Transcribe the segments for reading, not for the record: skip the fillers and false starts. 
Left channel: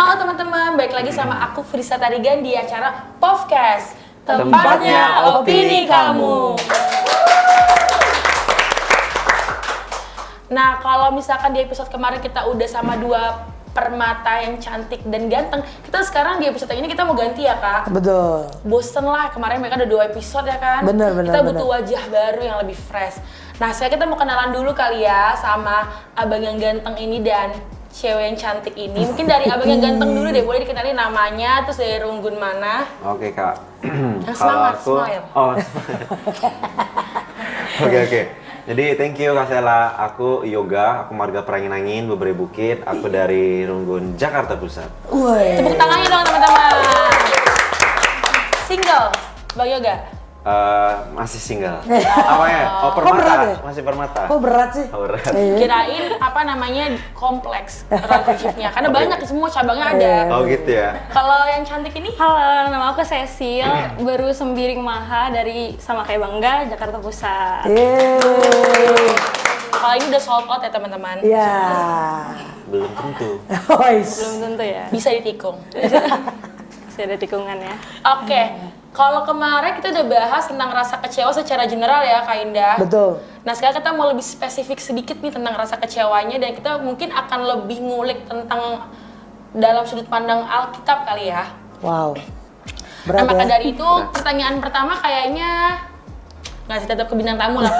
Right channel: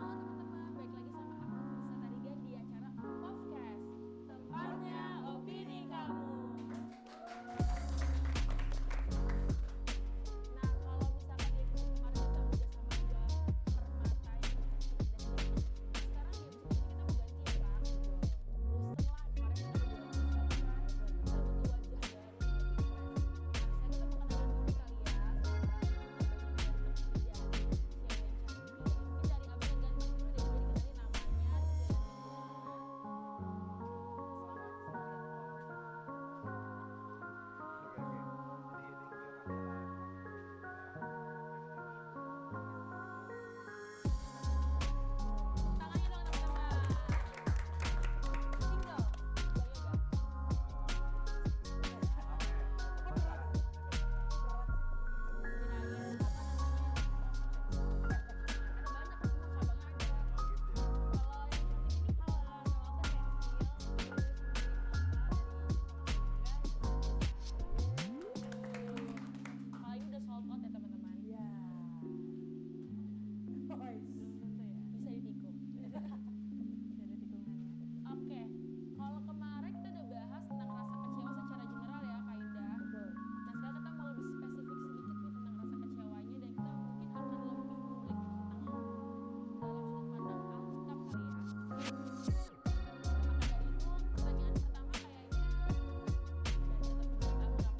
Halo teman-teman, balik lagi sama aku Frisa Tarigan di acara Podcast, tempatnya opini kamu. Nah, kalau misalkan di episode kemarin kita udah sama dua permata yang cantik dan ganteng, kita sekarang di episode ini kita mau ganti ya Kak? Betul. Bosen lah, kemarin mereka ada 2 episode ya kan? Bener. Kita butuh wajah baru yang lebih fresh. Nah, sekarang kita mau kenalan dulu kali ya sama abang yang ganteng ini dan cewek yang cantik ini. Mungkin dari abang yang ganteng dulu deh, boleh dikenalin namanya, terus dari runggun mana? Oke Kak. Yang semangat, smile. Oh. Oke. Jadi thank you Kak Sela. Aku Yoga, aku marga Perangin-Angin, Beberapa Bukit. Aku dari Runggun, Jakarta Pusat. Woi. Tepuk tangannya dong teman-teman. Single, Bang Yoga? Masih single. Apanya? Oh, permata. berat ya? Masih permata. Kok berat sih? Oh, berat. Kirain apa namanya kompleks relationship-nya, karena banyak semua cabangnya ada. Oh gitu ya. Kalau yang cantik ini? Halo, nama aku Cecil, baru sembiring maha dari sama kayak Bangga, Jakarta Pusat. Yeay. Kalau ini udah sold out ya teman-teman. Iya. Belum tentu. Wais. Belum tentu ya, Bisa ditikung. masih ada tikungan ya. Oke, kalau kemarin kita udah bahas tentang rasa kecewa secara general ya Kak Indah. Betul. Nah sekarang kita mau lebih spesifik sedikit nih tentang rasa kecewanya, dan kita mungkin akan lebih ngulik tentang dalam sudut pandang Alkitab kali ya. Wow. Nah Berat maka ya? dari itu pertanyaan pertama kayaknya ngasih tetap ke bintang tamu lah.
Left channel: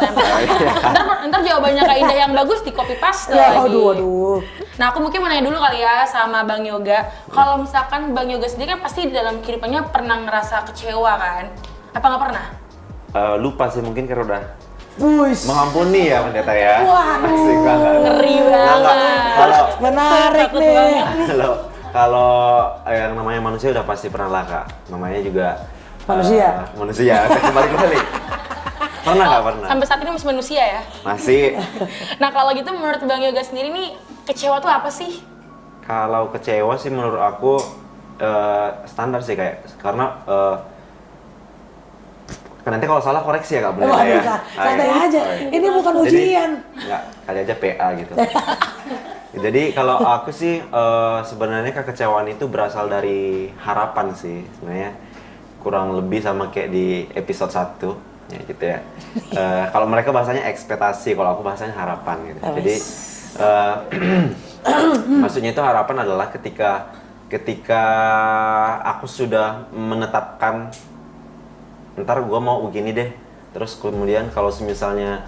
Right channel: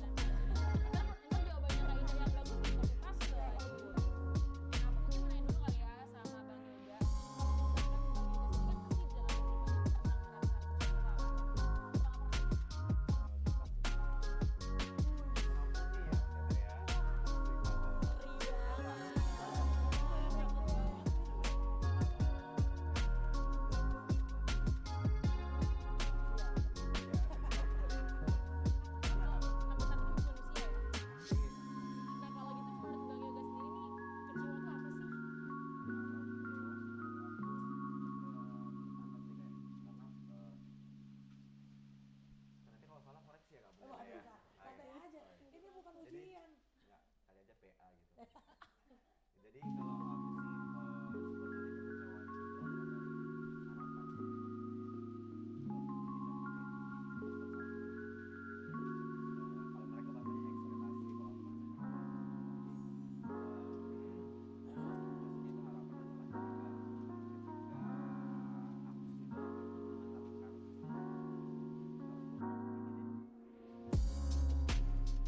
ntar jawabannya Kak Indah yang bagus di copy paste Ya, lagi. aduh. Nah aku mungkin mau nanya dulu kali ya sama Bang Yoga. Kalau misalkan Bang Yoga sendiri kan pasti di dalam kehidupannya pernah ngerasa kecewa kan? Apa nggak pernah? Lupa sih mungkin karena udah Wuis. mengampuni ya pendeta ya. Waduh. Asik banget. Ngeri banget. Kalau Menarik nih. kalau yang namanya manusia udah pasti pernah lah Kak. Namanya juga Manusia. Manusia. Kembali. Pernah nggak pernah? Sampai saat ini masih manusia ya? Masih. Nah kalau gitu menurut Bang Yoga sendiri nih, kecewa tuh apa sih? Kalau kecewa sih menurut aku standar sih kayak karena kan nanti kalau salah koreksi ya Kak boleh Wah, ya. santai aja. Ini bukan ujian. Enggak, kali aja PA gitu. Jadi kalau aku sih sebenarnya kekecewaan itu berasal dari harapan sih sebenarnya, kurang lebih sama kayak di episode 1 ya gitu ya. Kalau mereka bahasanya ekspektasi, kalau aku bahasanya harapan gitu. Jadi maksudnya itu harapan adalah ketika aku sudah menetapkan ntar gue mau begini deh, terus kemudian kalau misalnya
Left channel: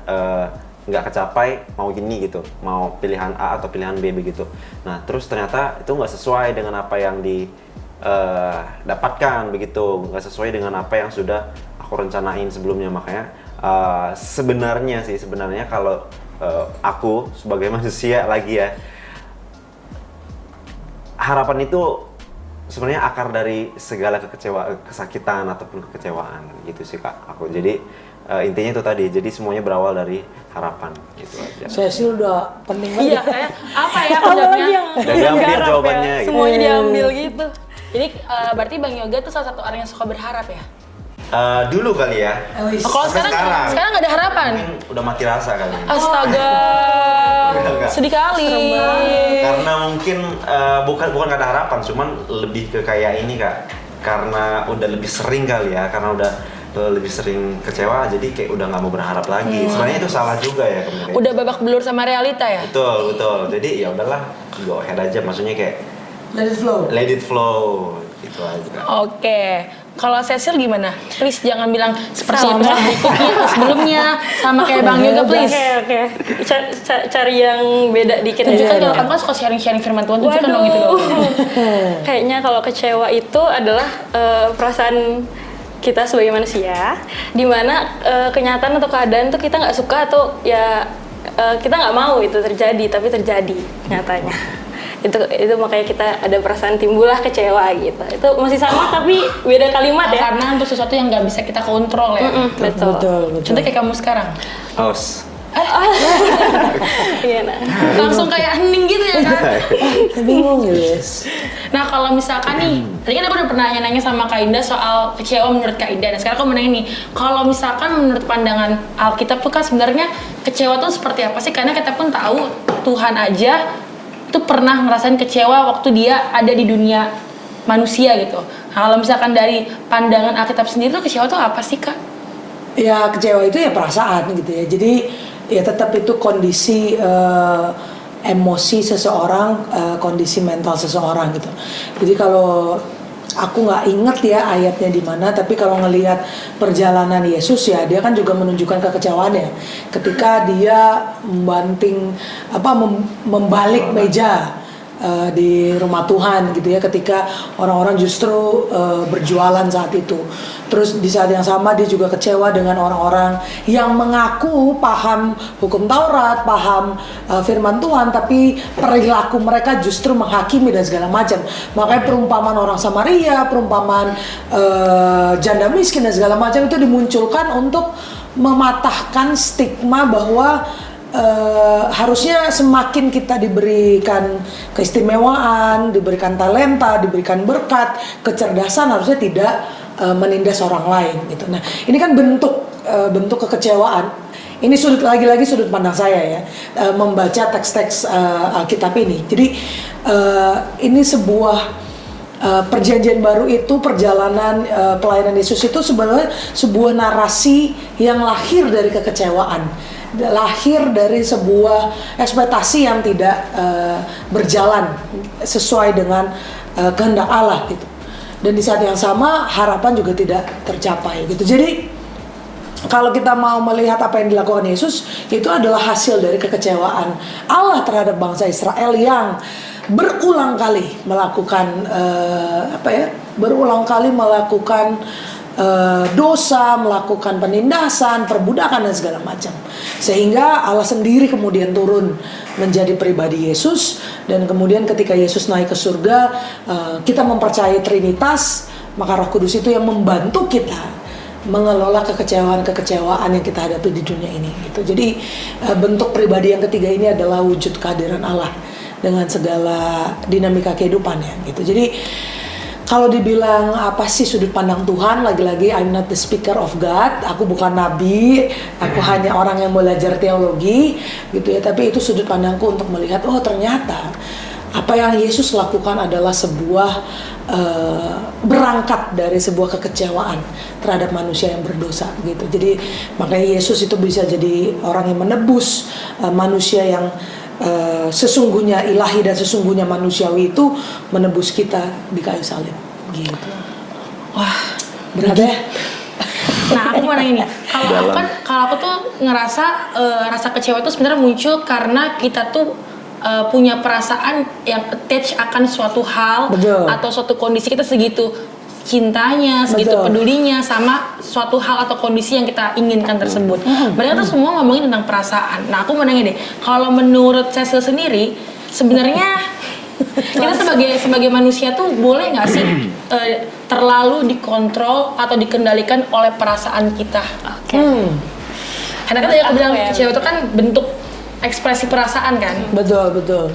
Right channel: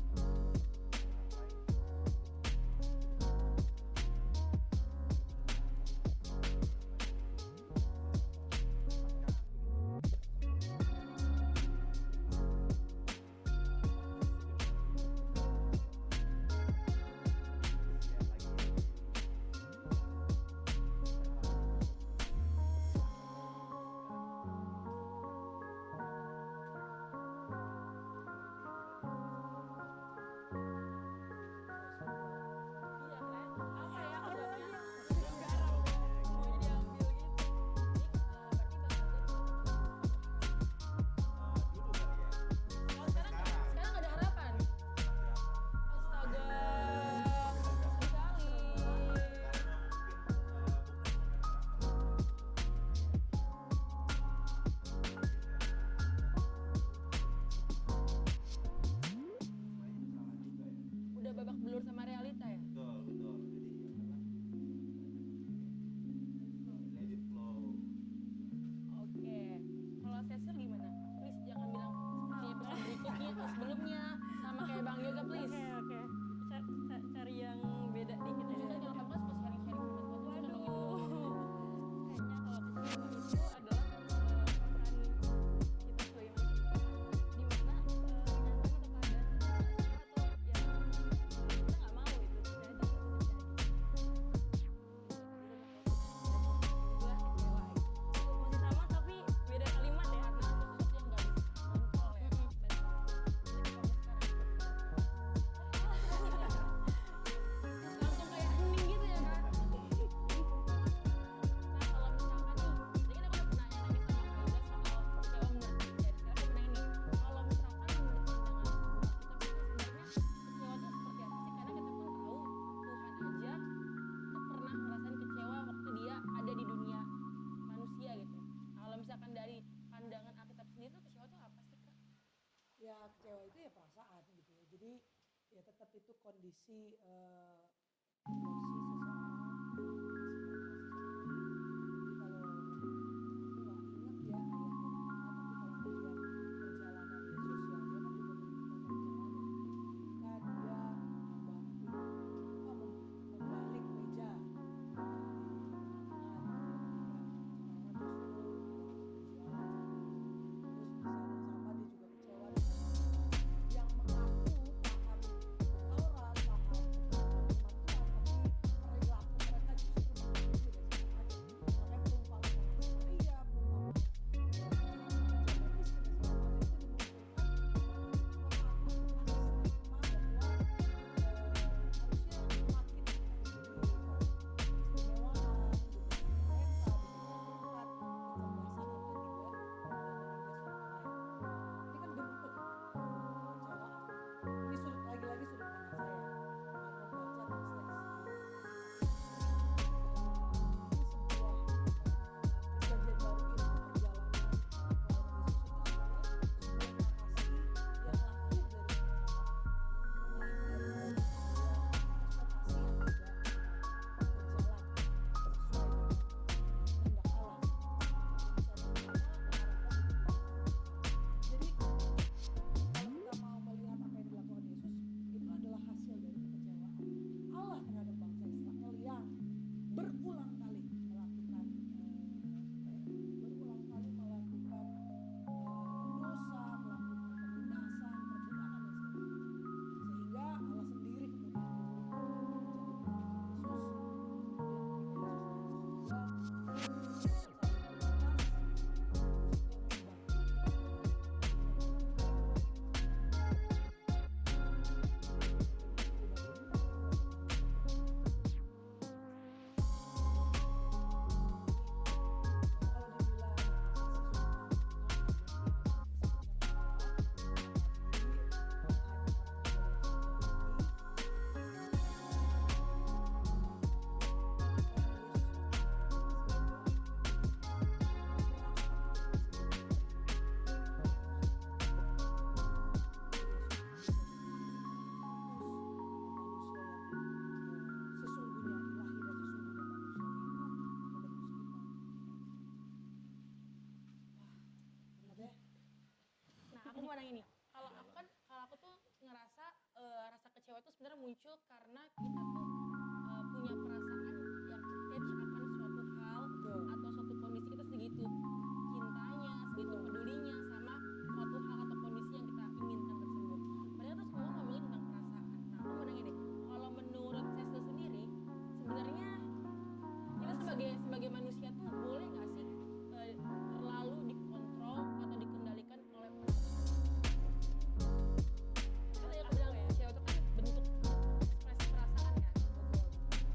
nggak kecapai mau gini gitu, mau pilihan A atau pilihan B begitu. Nah terus ternyata itu nggak sesuai dengan apa yang didapatkan begitu, nggak sesuai dengan apa yang sudah aku rencanain sebelumnya. Makanya sebenarnya kalau aku sebagai manusia lagi ya, harapan itu sebenarnya akar dari segala kesakitan ataupun kekecewaan gitu sih Kak aku. Jadi intinya itu tadi, jadi semuanya berawal dari harapan gitu aja. Cecil udah pening Iya, banget. kayak apa ya Apalagi konsepnya? yang Dan diambil garap jawabannya ya, gitu. semuanya diambil gitu. Jadi berarti Bang Yoga tuh salah satu orang yang suka berharap ya? Dulu kali ya. Wis. Kalau Sampai sekarang nggak ada harapan? Mungkin udah mati rasa kali. Astaga, Enggak. sedih kali. Karena mungkin bukan nggak ada harapan, cuman lebih ke kayak ini Kak. Karena udah lebih sering kali ya, karena udah lebih sering kecewa, jadi kayak udah nggak mau berharap lagi. Sebenarnya itu salah juga ya kemudian. Udah babak belur sama realita ya? Betul. Jadi ya udahlah, go ahead aja. Maksudnya kayak Let it flow. let it flow gitu aja. Oke, kalau Cecil gimana? Please jangan bilang seperti episode berikutnya atau sebelumnya, sama kayak Bang Yoga please. Oke. Cari yang beda dikit Tunjukkan aja. kalau kamu kan suka sharing-sharing firman Tuhan, tunjukkan dong itu dong. Kayaknya kalau kecewa itu adalah perasaan kita sebagai manusia, di mana kenyataan atau keadaan tuh kita nggak suka atau ya kita nggak mau itu terjadi, tapi terjadi nyatanya. Itu makanya kita ada perasaan timbullah kecewa gitu. Itu masih sama tapi beda kalimat ya. Karena untuk sesuatu yang nggak bisa kita kontrol ya. Betul. Contoh kayak kamu sekarang. Haus. Iya nah. Langsung kayak hening gitu ya kan? Bingung guys. Nah kalau misalkan nih, tadi kan aku udah pernah nanya sama Kak Indah soal kecewa menurut Kak Indah. Nah sekarang aku mau nanya nih, kalau misalkan menurut pandangan Alkitab tuh kan sebenarnya kecewa tuh seperti apa sih? Karena kita pun tahu Tuhan aja itu pernah ngerasain kecewa waktu dia ada di dunia manusia gitu. Nah, kalau misalkan dari pandangan Alkitab sendiri tuh kecewa tuh apa sih Kak? Ya kecewa itu ya perasaan gitu ya. Jadi ya tetap itu kondisi emosi seseorang, kondisi mental seseorang gitu. Jadi kalau aku nggak inget ya ayatnya di mana, tapi kalau ngelihat perjalanan Yesus ya dia kan juga menunjukkan kekecewaannya ketika dia membalik meja di rumah Tuhan gitu ya, ketika orang-orang justru berjualan saat itu. Terus di saat yang sama dia juga kecewa dengan orang-orang yang mengaku paham hukum Taurat, paham firman Tuhan, tapi perilaku mereka justru menghakimi dan segala macam. Makanya perumpamaan orang Samaria, perumpamaan janda miskin dan segala macam itu dimunculkan untuk mematahkan stigma bahwa harusnya semakin kita diberikan keistimewaan, diberikan talenta, diberikan berkat, kecerdasan, harusnya tidak menindas orang lain gitu. Nah, ini kan bentuk kekecewaan. Ini lagi-lagi sudut pandang saya ya, membaca teks-teks Alkitab ini. Jadi ini sebuah perjanjian baru itu, perjalanan pelayanan Yesus itu sebenarnya sebuah narasi yang lahir dari kekecewaan, lahir dari sebuah ekspektasi yang tidak berjalan sesuai dengan kehendak Allah gitu. Dan di saat yang sama harapan juga tidak tercapai gitu. Jadi kalau kita mau melihat apa yang dilakukan Yesus, itu adalah hasil dari kekecewaan Allah terhadap bangsa Israel yang berulang kali melakukan dosa, melakukan penindasan, perbudakan dan segala macam. Sehingga Allah sendiri kemudian turun menjadi pribadi Yesus, dan kemudian ketika Yesus naik ke surga, kita mempercayai Trinitas, maka Roh Kudus itu yang membantu kita mengelola kekecewaan yang kita hadapi di dunia ini gitu. Jadi bentuk pribadi yang ketiga ini adalah wujud kehadiran Allah dengan segala dinamika kehidupannya gitu. Jadi kalau dibilang apa sih sudut pandang Tuhan, lagi-lagi I'm not the speaker of God, aku bukan nabi, aku hanya orang yang belajar teologi gitu ya, tapi itu sudut pandangku untuk melihat, oh ternyata apa yang Yesus lakukan adalah sebuah berangkat dari sebuah kekecewaan terhadap manusia yang berdosa gitu. Jadi makanya Yesus itu bisa jadi orang yang menebus manusia yang sesungguhnya ilahi dan sesungguhnya manusiawi, itu menebus kita di kayu salib gitu. Wah, berat ya? Nah, aku mau nanya nih, kalau aku tuh ngerasa rasa kecewa itu sebenarnya muncul karena kita tuh punya perasaan yang attach akan suatu hal. Betul. Atau suatu kondisi, kita segitu cintanya, segitu Betul. pedulinya sama suatu hal atau kondisi yang kita inginkan tersebut. Mereka tuh semua ngomongin tentang perasaan. Nah, aku mau nanya deh, kalau menurut Cecil sendiri, sebenarnya kita sebagai manusia tuh boleh nggak sih terlalu dikontrol atau dikendalikan oleh perasaan kita? Oke. Karena kan tadi aku bilang kecewa itu kan bentuk ekspresi perasaan kan? Betul.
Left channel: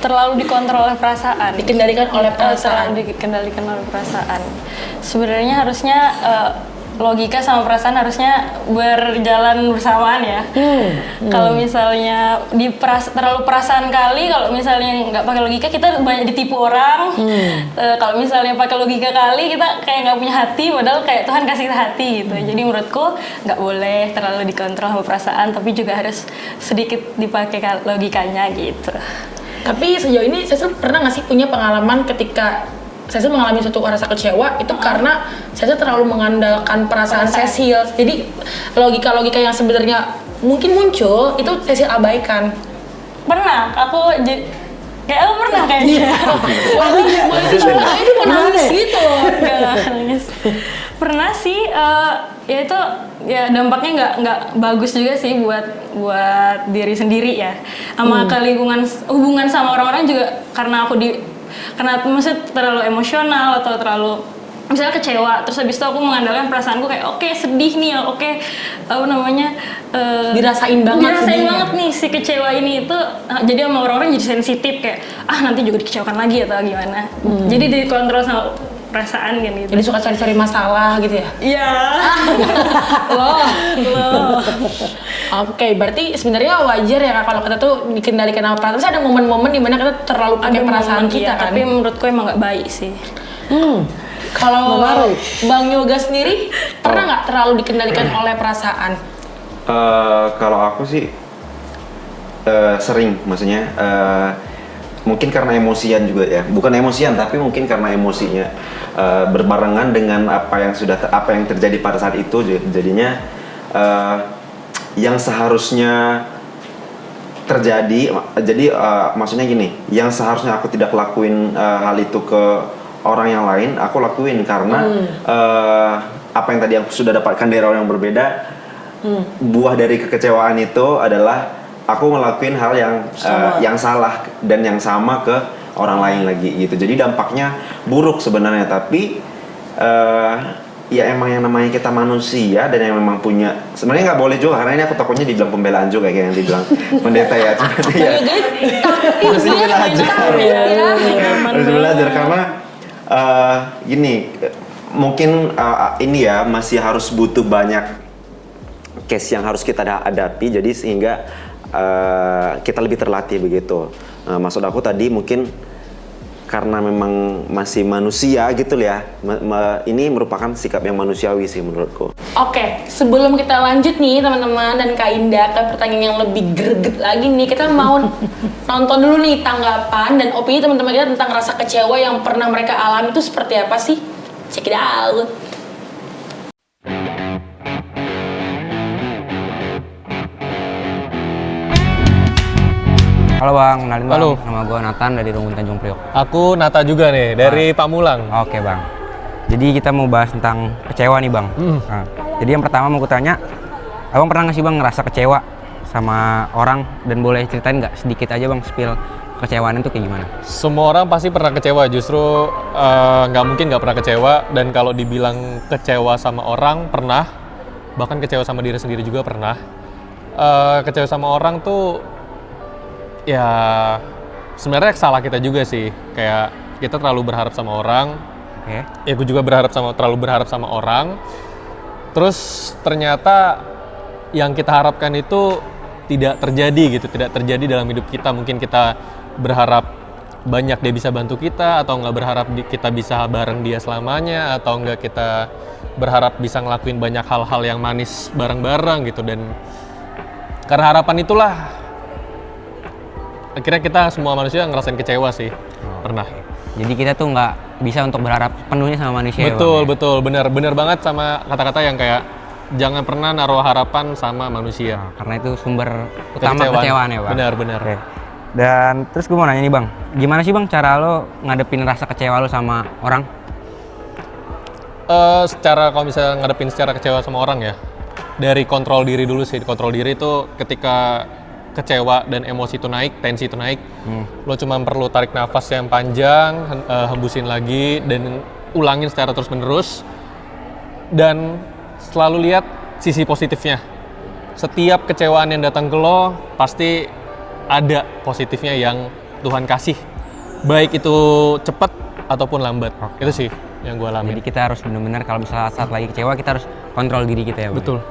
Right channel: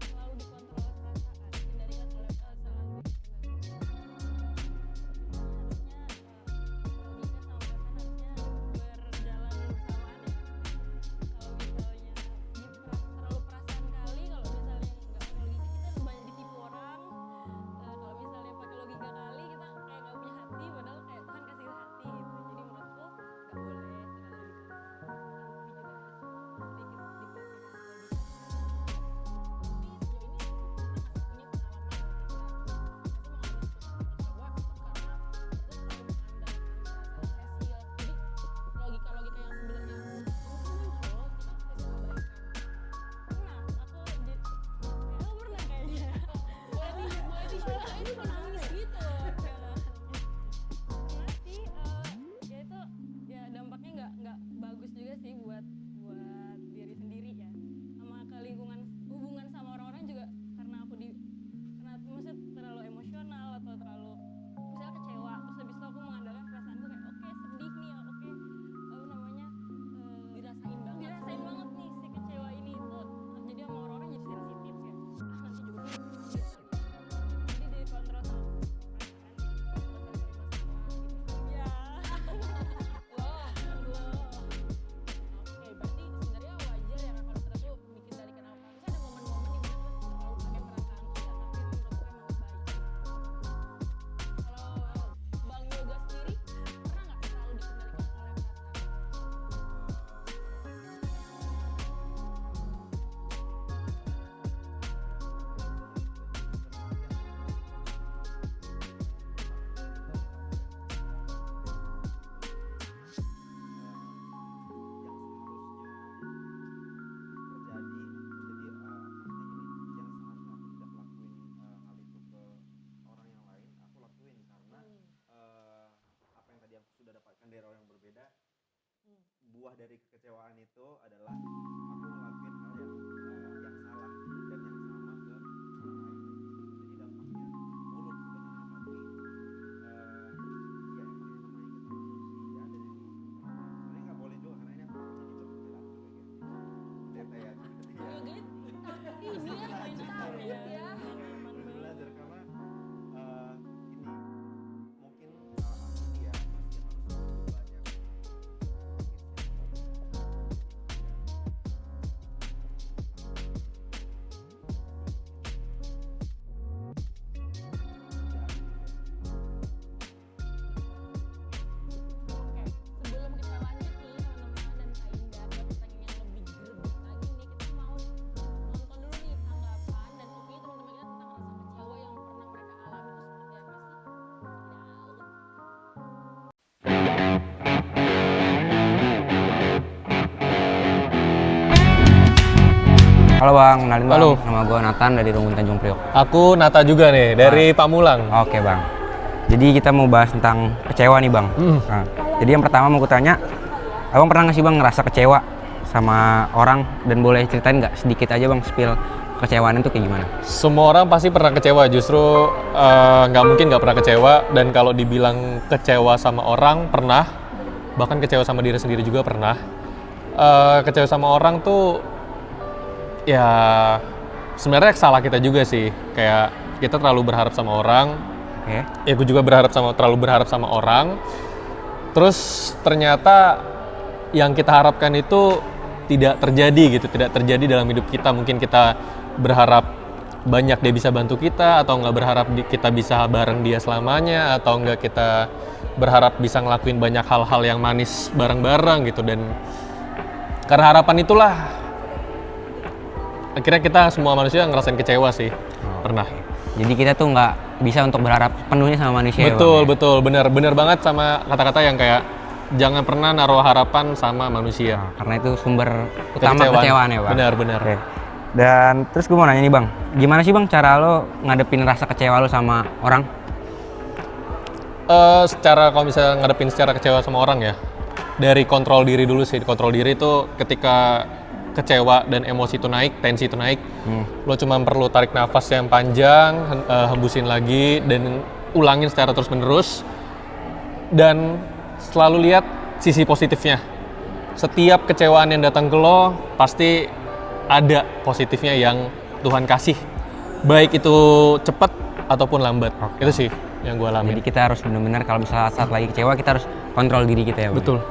Terlalu dikontrol oleh perasaan, Dikendalikan oleh perasaan. terlalu dikendalikan oleh perasaan. Sebenarnya harusnya logika sama perasaan harusnya berjalan bersamaan ya. Kalau misalnya terlalu perasaan kali, kalau misalnya nggak pakai logika kita banyak ditipu orang. Kalau misalnya pakai logika kali kita kayak nggak punya hati, padahal kayak Tuhan kasih kita hati gitu. Jadi menurutku nggak boleh terlalu dikontrol sama perasaan, tapi juga harus sedikit dipakai logikanya gitu. Tapi sejauh ini saya pernah nggak sih punya pengalaman ketika saya mengalami suatu rasa kecewa itu karena saya terlalu mengandalkan perasaan Cecil. Jadi logika-logika yang sebenarnya mungkin muncul itu Cecil abaikan. Pernah, kayak aku pernah kayaknya. Ini mau nangis gitu loh. Enggak nangis. Pernah sih, ya itu ya dampaknya nggak bagus juga sih buat diri sendiri ya, sama ke lingkungan, hubungan sama orang-orang juga, karena maksudnya terlalu emosional atau terlalu misalnya kecewa, terus habis itu aku mengandalkan perasaanku kayak oke, sedih nih, Dirasain banget nih si kecewa ini itu, jadi sama orang-orang jadi sensitif kayak nanti juga dikecewakan lagi atau gimana. Jadi dikontrol sama perasaan kan gitu. Jadi suka cari-cari masalah gitu ya? Iya. Loh. Oke, berarti sebenarnya wajar ya Kak kalau kita tuh dikendalikan sama perasaan. Terus ada momen-momen dimana kita terlalu pakai Ada perasaan momen, kita iya, kan? tapi menurutku emang nggak baik sih. Kalau Menarik. Bang Yoga sendiri pernah nggak terlalu dikendalikan oleh perasaan? Kalau aku sih sering, maksudnya mungkin karena emosian juga ya, bukan emosian tapi mungkin karena emosinya berbarengan dengan apa yang terjadi pada saat itu, jadinya yang seharusnya terjadi, jadi maksudnya gini, yang seharusnya aku tidak lakuin hal itu ke orang yang lain, aku lakuin karena apa yang tadi aku sudah dapatkan dari orang yang berbeda. Buah dari kekecewaan itu adalah aku ngelakuin hal yang salah dan yang sama ke orang lain lagi gitu. Jadi dampaknya buruk sebenarnya, tapi ya emang yang namanya kita manusia dan yang memang punya, sebenarnya nggak boleh juga karena ini aku takutnya dibilang pembelaan juga kayak yang dibilang pendeta ya. Tapi ya harus belajar, harus belajar karena gini, mungkin ini ya masih harus butuh banyak case yang harus kita hadapi, jadi sehingga kita lebih terlatih begitu. Maksud aku tadi mungkin karena memang masih manusia gitu ya, ini merupakan sikap yang manusiawi sih menurutku. Oke, sebelum kita lanjut nih teman-teman dan Kak Indah ke pertanyaan yang lebih greget lagi nih, kita mau nonton dulu nih tanggapan dan opini teman-teman kita tentang rasa kecewa yang pernah mereka alami itu seperti apa sih? Check it out. Halo Bang, kenalin Bang. Halo. Nama gue Nathan dari Runggun Tanjung Priok. Aku Nata juga nih, dari Pamulang. Oke Bang. Jadi kita mau bahas tentang kecewa nih Bang. Nah, jadi yang pertama mau kutanya, Abang pernah nggak sih Bang ngerasa kecewa sama orang? Dan boleh ceritain nggak sedikit aja Bang, spill kecewaan itu kayak gimana? Semua orang pasti pernah kecewa, justru nggak mungkin nggak pernah kecewa. Dan kalau dibilang kecewa sama orang, pernah. Bahkan kecewa sama diri sendiri juga pernah. Kecewa sama orang tuh ya sebenarnya salah kita juga sih, kayak kita terlalu berharap sama orang. Oke. Ya gue juga terlalu berharap sama orang, terus ternyata yang kita harapkan itu tidak terjadi gitu, tidak terjadi dalam hidup kita. Mungkin kita berharap banyak dia bisa bantu kita, atau nggak berharap kita bisa bareng dia selamanya, atau nggak kita berharap bisa ngelakuin banyak hal-hal yang manis bareng-bareng gitu. Dan karena harapan itulah akhirnya kita semua manusia ngerasain kecewa sih. Pernah. Jadi kita tuh nggak bisa untuk berharap penuhnya sama manusia. Betul, ya, Bang, betul, benar banget sama kata-kata yang kayak jangan pernah naruh harapan sama manusia. Nah, karena itu sumber utama kecewaan ya Bang. Benar. Oke. Dan terus gue mau nanya nih Bang, gimana sih Bang cara lo ngadepin rasa kecewa lo sama orang? Kalau misalnya ngadepin secara kecewa sama orang ya, dari kontrol diri dulu sih. Kontrol diri itu ketika kecewa dan emosi itu naik, tensi itu naik, lo cuma perlu tarik nafas yang panjang, hembusin lagi, dan ulangin secara terus-menerus. Dan selalu lihat sisi positifnya. Setiap kecewaan yang datang ke lo, pasti ada positifnya yang Tuhan kasih. Baik itu cepat ataupun lambat. Itu sih yang gue alami. Jadi kita harus benar-benar kalau misalnya saat lagi kecewa, kita harus kontrol diri kita ya Bang. Betul.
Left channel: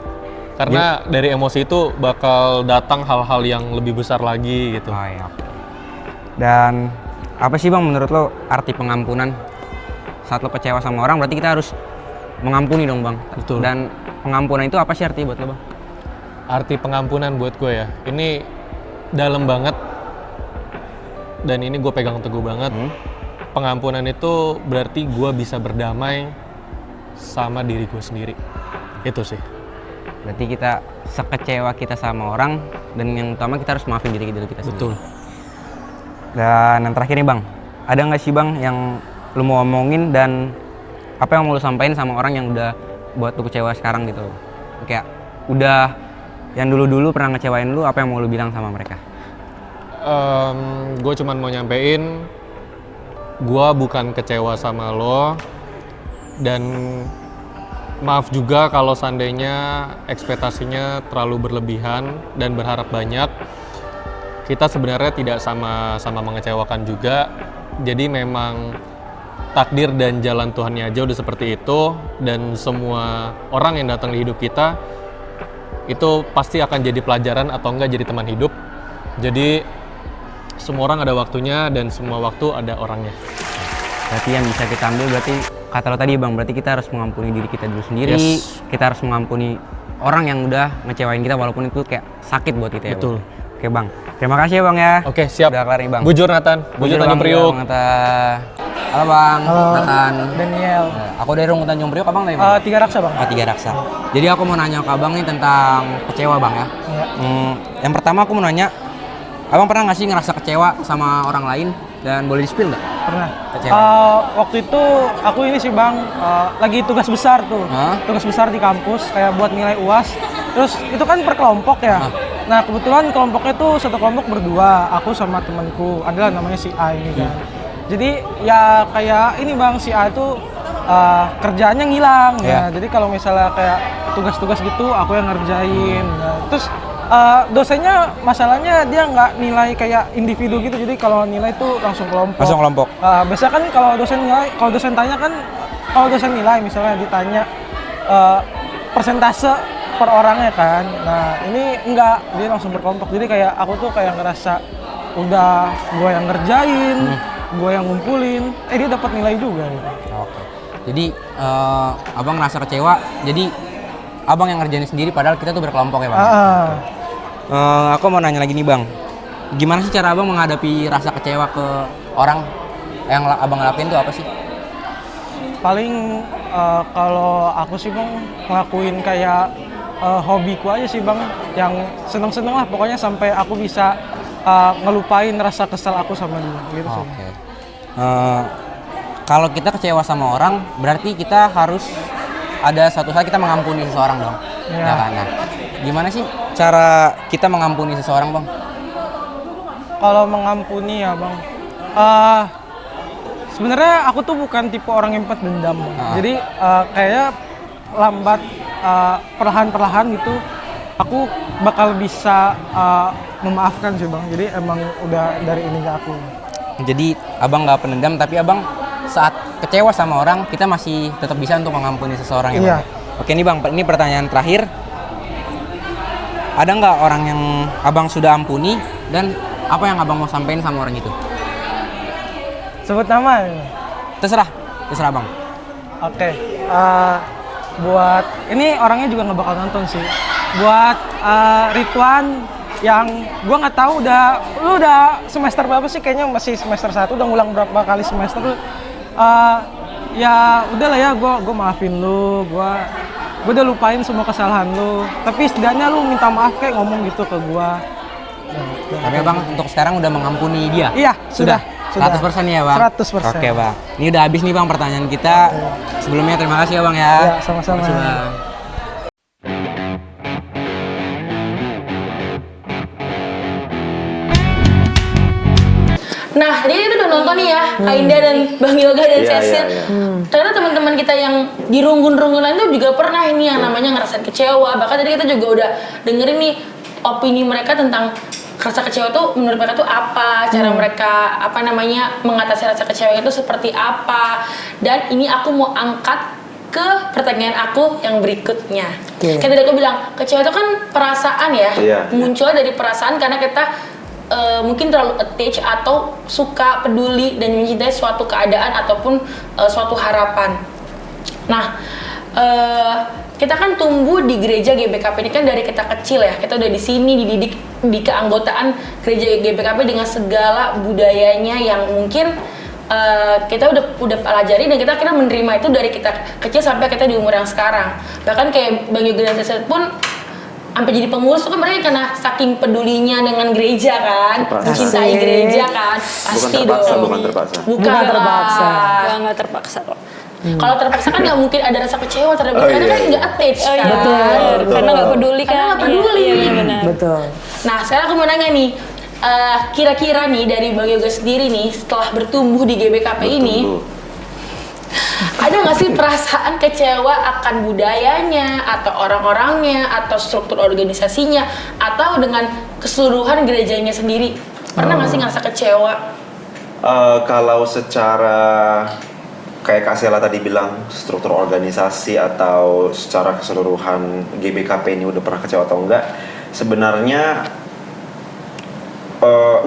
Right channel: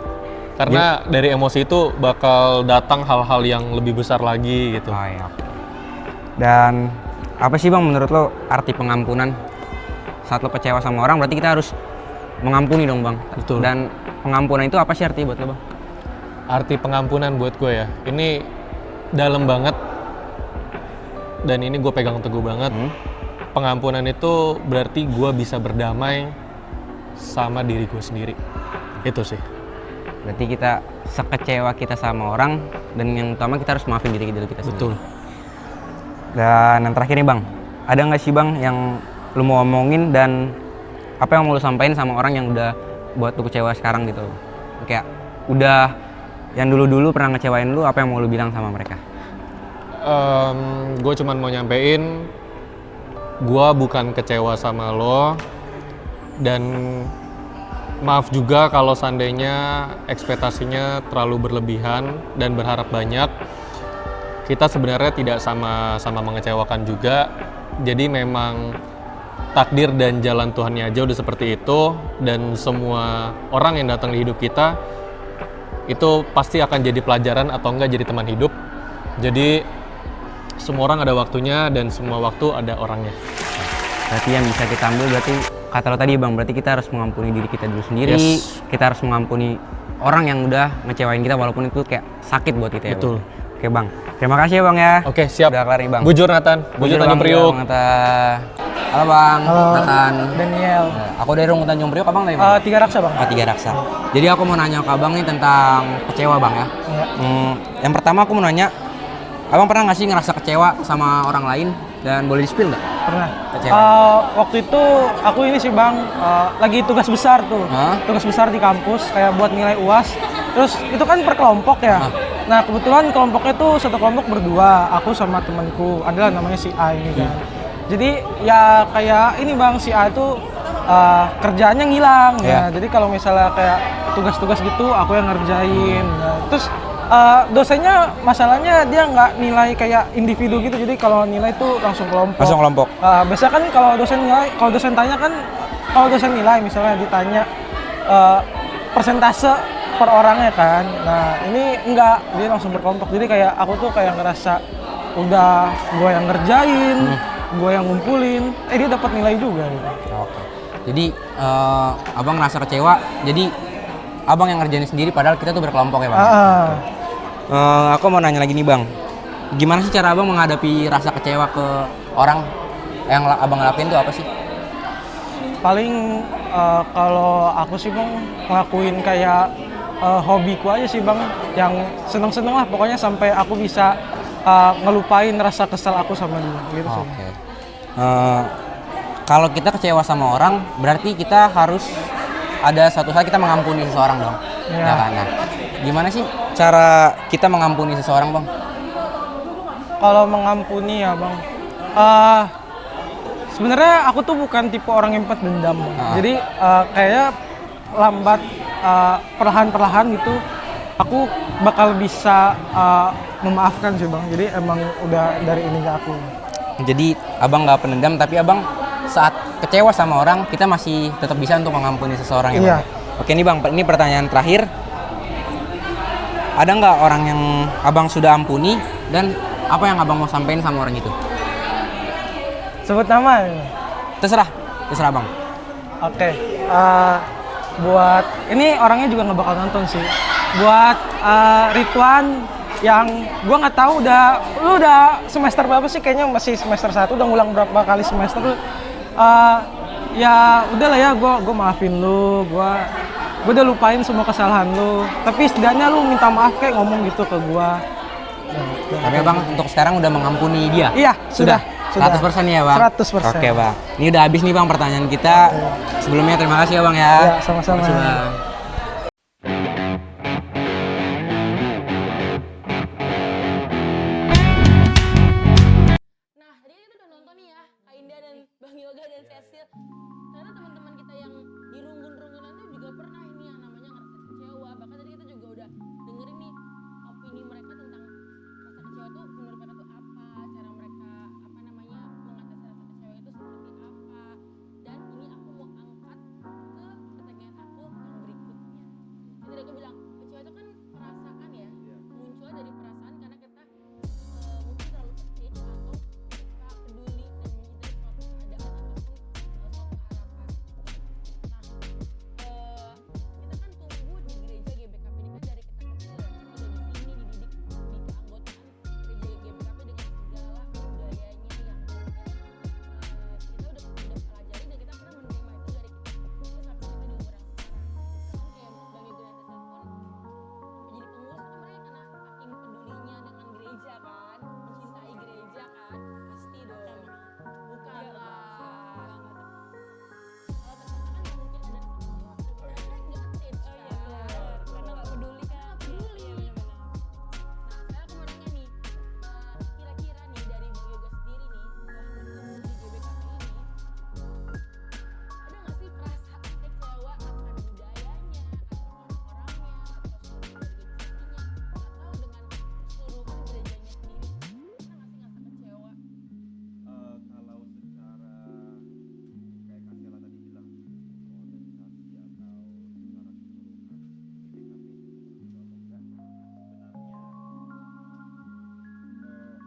Karena dari emosi itu bakal datang hal-hal yang lebih besar lagi gitu. Oh, iya. Dan apa sih Bang menurut lo arti pengampunan? Saat lo kecewa sama orang berarti kita harus mengampuni dong Bang. Betul. Dan pengampunan itu apa sih arti buat lo Bang? Arti pengampunan buat gue ya, ini dalam banget. Dan ini gue pegang teguh banget. Pengampunan itu berarti gue bisa berdamai sama diri gue sendiri. Itu sih. Berarti kita sekecewa kita sama orang, dan yang utama kita harus maafin diri kita sendiri. Betul. Dan yang terakhir nih Bang, ada nggak sih Bang yang lu mau omongin dan apa yang mau lu sampaikan sama orang yang udah buat lu kecewa sekarang gitu? Kayak udah yang dulu-dulu pernah ngecewain lu, apa yang mau lu bilang sama mereka? Gue cuman mau nyampein, gue bukan kecewa sama lo, dan maaf juga kalau seandainya ekspektasinya terlalu berlebihan dan berharap banyak. Kita sebenarnya tidak sama-sama mengecewakan juga. Jadi memang takdir dan jalan Tuhannya aja udah seperti itu, dan semua orang yang datang di hidup kita itu pasti akan jadi pelajaran atau enggak jadi teman hidup. Jadi semua orang ada waktunya dan semua waktu ada orangnya. Berarti yang bisa kita ambil berarti kata lo tadi Bang, berarti kita harus mengampuni diri kita dulu sendiri. Yes. Kita harus mengampuni orang yang udah ngecewain kita walaupun itu kayak sakit buat kita ya. Betul. Bang? Oke Bang, terima kasih ya Bang ya. Oke, siap. Udah kelar nih Bang. Bujur Nathan, Bujur Tanjung Bang, Priuk. Bang, halo Bang, Halo. Nathan. Daniel. Aku dari Rungu Tanjung Priok, Abang dari mana? Tiga Raksa Bang. Oh, Tiga Raksa. Jadi aku mau nanya ke Abang nih tentang kecewa Bang ya. Iya. Yang pertama aku mau nanya, Abang pernah nggak sih ngerasa kecewa sama orang lain dan boleh di-spill nggak? Pernah. Kecewa. Waktu itu aku ini sih Bang, lagi tugas besar tuh. Hah? Tugas besar di kampus kayak buat nilai UAS. Terus itu kan per kelompok ya. Nah, kebetulan kelompoknya tuh satu kelompok berdua, aku sama temanku. Adalah namanya si A ini kan. Jadi ya kayak ini Bang, si A itu kerjaannya ngilang ya. Jadi kalau misalnya kayak tugas-tugas gitu aku yang ngerjain. Nah, terus dosennya masalahnya dia nggak nilai kayak individu gitu, jadi kalau nilai tuh langsung kelompok. Langsung kelompok. Biasanya kan kalau dosen nilai, kalau dosen tanya kan, kalau dosen nilai misalnya ditanya persentase per orangnya kan. Nah ini enggak, dia langsung berkelompok. Jadi kayak aku tuh kayak ngerasa udah gue yang ngerjain, gue yang ngumpulin, dia dapat nilai juga gitu. Oke. Jadi Abang ngerasa kecewa. Jadi Abang yang ngerjain sendiri padahal kita tuh berkelompok ya Bang. Aku mau nanya lagi nih Bang. Gimana sih cara Abang menghadapi rasa kecewa ke orang yang Abang lakuin tuh apa sih? Paling kalau aku sih Bang ngelakuin kayak hobiku aja sih Bang, yang seneng-seneng lah pokoknya sampai aku bisa ngelupain rasa kesel aku sama dia gitu sih. Oke. Kalau kita kecewa sama orang, berarti kita harus ada suatu saat kita mengampuni seseorang dong. Iya. Ya kan? Nah, gimana sih cara kita mengampuni seseorang Bang? Kalau mengampuni ya Bang, sebenarnya aku tuh bukan tipe orang yang cepat dendam Bang. Jadi kayak lambat, perlahan-perlahan gitu aku bakal bisa memaafkan sih Bang. Jadi emang udah dari ininya aku. Jadi Abang nggak pendendam, tapi Abang saat kecewa sama orang, kita masih tetap bisa untuk mengampuni seseorang ya Bang? Iya. Oke nih Bang, ini pertanyaan terakhir. Ada nggak orang yang Abang sudah ampuni dan apa yang Abang mau sampaikan sama orang itu? Sebut nama ya? Terserah Bang. Oke, buat ini orangnya juga nggak bakal nonton sih. Buat Ridwan yang gua nggak tahu lu udah semester berapa sih, kayaknya masih semester 1, udah ngulang berapa kali semester lu. Ya udahlah ya, gua maafin lu, gua udah lupain semua kesalahan lu. Tapi setidaknya lu minta maaf kayak ngomong gitu ke gua. Tapi Bang untuk sekarang udah mengampuni dia? Iya, sudah. 100% ya Bang? 100%. Oke Bang, ini udah habis nih Bang pertanyaan kita. Sebelumnya terima kasih ya Bang ya. Iya, sama-sama. Terima kasih, Bang. Nah, jadi itu udah nonton nih ya, Kak Indah dan Bang Yoga dan Iya, Cecil. iya. Ternyata teman-teman kita yang di runggun-runggun lain tuh juga pernah ini yang namanya ngerasain kecewa. Bahkan tadi kita juga udah dengerin nih opini mereka tentang rasa kecewa tuh menurut mereka tuh apa, cara mereka mengatasi rasa kecewa itu seperti apa. Dan ini aku mau angkat ke pertanyaan aku yang berikutnya. Kayak tadi aku bilang, kecewa itu kan perasaan ya, Iya. munculnya dari perasaan karena kita mungkin terlalu attach atau suka peduli dan mencintai suatu keadaan ataupun suatu harapan. Nah, kita kan tumbuh di gereja GBKP ini kan dari kita kecil ya. Kita udah di sini dididik di keanggotaan gereja GBKP dengan segala budayanya yang mungkin kita udah pelajari dan kita akhirnya menerima itu dari kita kecil sampai kita di umur yang sekarang. Bahkan kayak Bang Yoga dan Teset pun sampai jadi pengurus tuh kan mereka karena saking pedulinya dengan gereja kan, mencintai gereja kan, pasti Bukan terpaksa. Bukan terpaksa. Nggak terpaksa kok. Kalau terpaksa kan nggak mungkin ada rasa kecewa terhadap karena kan nggak attach kan. Karena nggak peduli kan. Karena nggak peduli. Iya, benar. Betul. Nah sekarang aku mau nanya nih, kira-kira nih dari Bang Yoga sendiri nih setelah bertumbuh di GBKP ini, ada nggak sih perasaan kecewa akan budayanya atau orang-orangnya atau struktur organisasinya atau dengan keseluruhan gerejanya sendiri? Pernah nggak sih ngerasa kecewa? Kalau secara kayak Kak Sela tadi bilang struktur organisasi atau secara keseluruhan GBKP ini udah pernah kecewa atau enggak, sebenarnya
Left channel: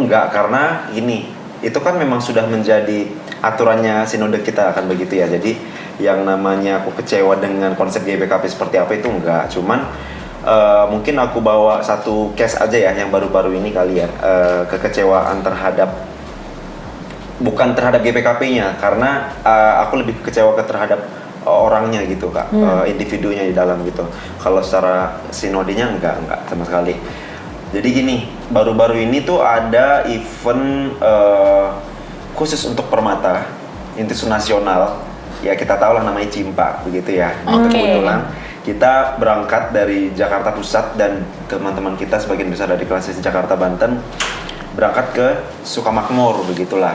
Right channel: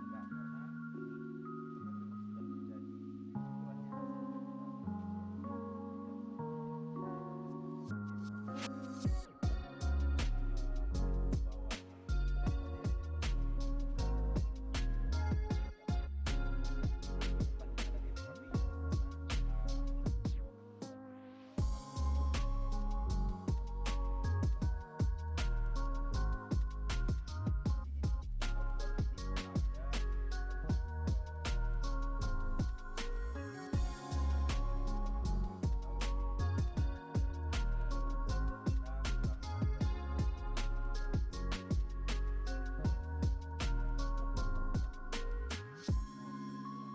enggak, karena gini, itu kan memang sudah menjadi aturannya sinode kita akan begitu ya. Jadi yang namanya aku kecewa dengan konsep GBKP seperti apa itu enggak, cuman mungkin aku bawa satu case aja ya yang baru-baru ini kali ya, kekecewaan bukan terhadap GBKP-nya, karena aku lebih kecewa terhadap orangnya gitu Kak, individunya di dalam gitu. Kalau secara sinodenya enggak sama sekali. Jadi gini, baru-baru ini tuh ada event khusus untuk Permata, Intis Nasional. Ya kita tahu lah namanya Cimpa begitu ya. Kebetulan kita berangkat dari Jakarta Pusat dan teman-teman kita sebagian besar dari kelas Jakarta Banten berangkat ke Sukamakmur begitulah.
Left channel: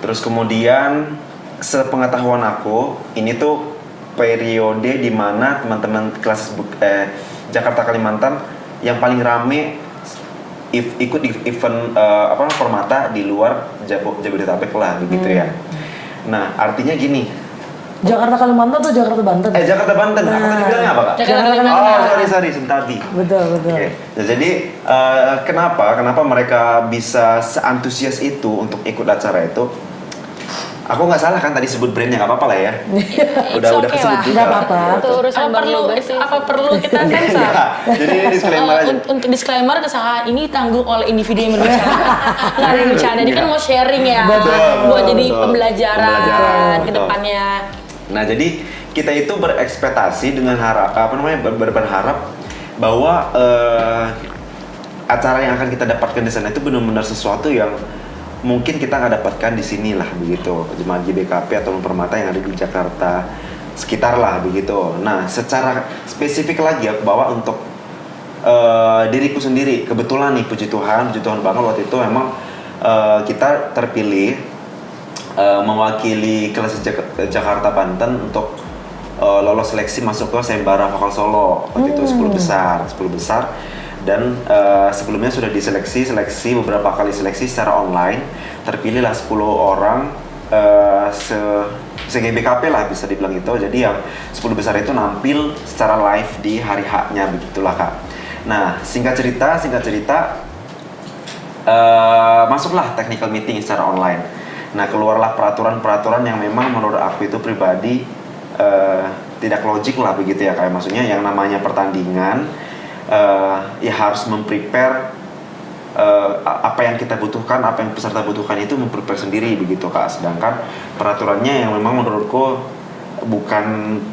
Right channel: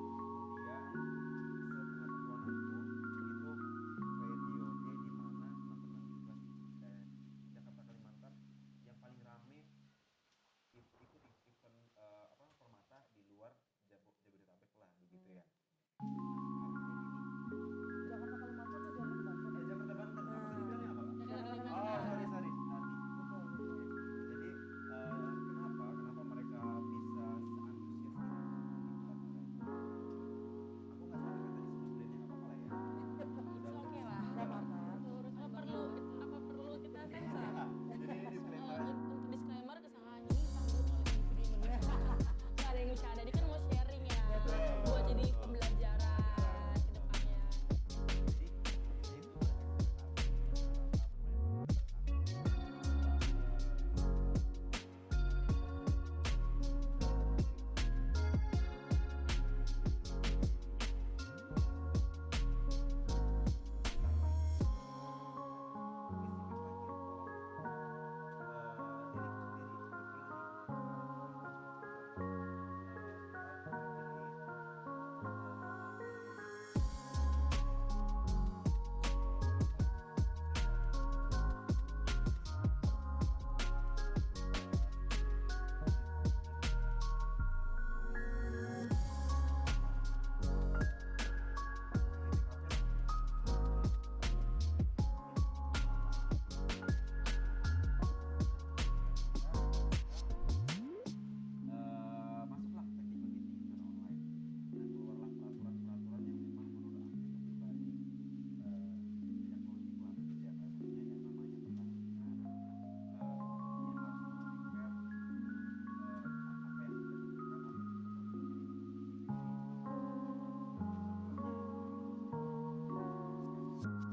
Terus kemudian sepengetahuan aku ini tuh periode di mana teman-teman kelas Jakarta Kalimantan yang paling rame ikut event Permata di luar Jabodetabek lah begitu ya. Nah artinya gini, Jakarta Kalimantan atau Jakarta Banten? Jakarta Banten. Aku tadi bilangnya apa Kak? Jakarta Kalimantan. Oh sorry Sentabi. Betul. Oke. Nah, jadi kenapa mereka bisa seantusias itu untuk ikut acara itu? Aku nggak salah kan tadi sebut brandnya, nggak apa-apa lah ya. udah okay kesebut lah. juga. Nggak apa-apa. Itu urusan Apa perlu kita sensor? Ya, jadi ini disclaimer aja. Untuk disclaimer, kesalahan ini tanggung oleh individu yang berbicara. Nggak ada yang bercanda, ini kan mau sharing ya, buat jadi pembelajaran ke depannya. Nah jadi kita itu berekspektasi dengan berharap bahwa acara yang akan kita dapatkan di sana itu benar-benar sesuatu yang mungkin kita nggak dapatkan di sini lah begitu, jemaat GBKP atau Permata yang ada di Jakarta sekitar lah begitu. Nah secara spesifik lagi aku bawa untuk diriku sendiri. Kebetulan nih puji Tuhan banget waktu itu memang kita terpilih mewakili kelas Jakarta Banten untuk lolos seleksi masuk ke Sayembara Vokal Solo waktu itu 10 besar. Dan sebelumnya sudah diseleksi beberapa kali seleksi secara online, terpilihlah 10 orang se-GBKP lah bisa dibilang itu. Jadi yang 10 besar itu nampil secara live di hari H-nya begitulah Kak. Nah singkat cerita masuklah technical meeting secara online. Nah keluarlah peraturan yang memang menurut aku itu pribadi tidak logik lah begitu ya, kayak maksudnya yang namanya pertandingan ya harus memprepare apa yang kita butuhkan, apa yang peserta butuhkan itu memprepare sendiri begitu Kak. Sedangkan peraturannya yang memang menurutku bukan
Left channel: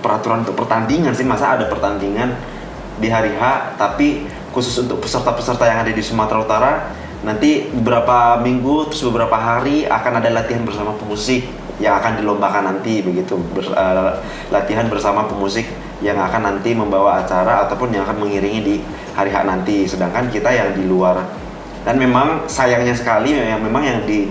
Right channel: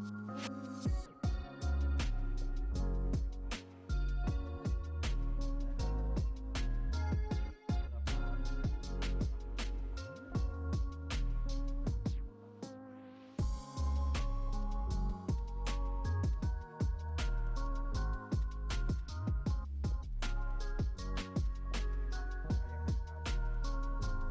peraturan untuk pertandingan sih, masa ada pertandingan di hari H tapi khusus untuk peserta-peserta yang ada di Sumatera Utara nanti beberapa minggu terus beberapa hari akan ada latihan bersama pemusik yang akan dilombakan nanti begitu, latihan bersama pemusik yang akan nanti membawa acara ataupun yang akan mengiringi di hari H nanti. Sedangkan kita yang di luar, dan memang sayangnya sekali memang yang di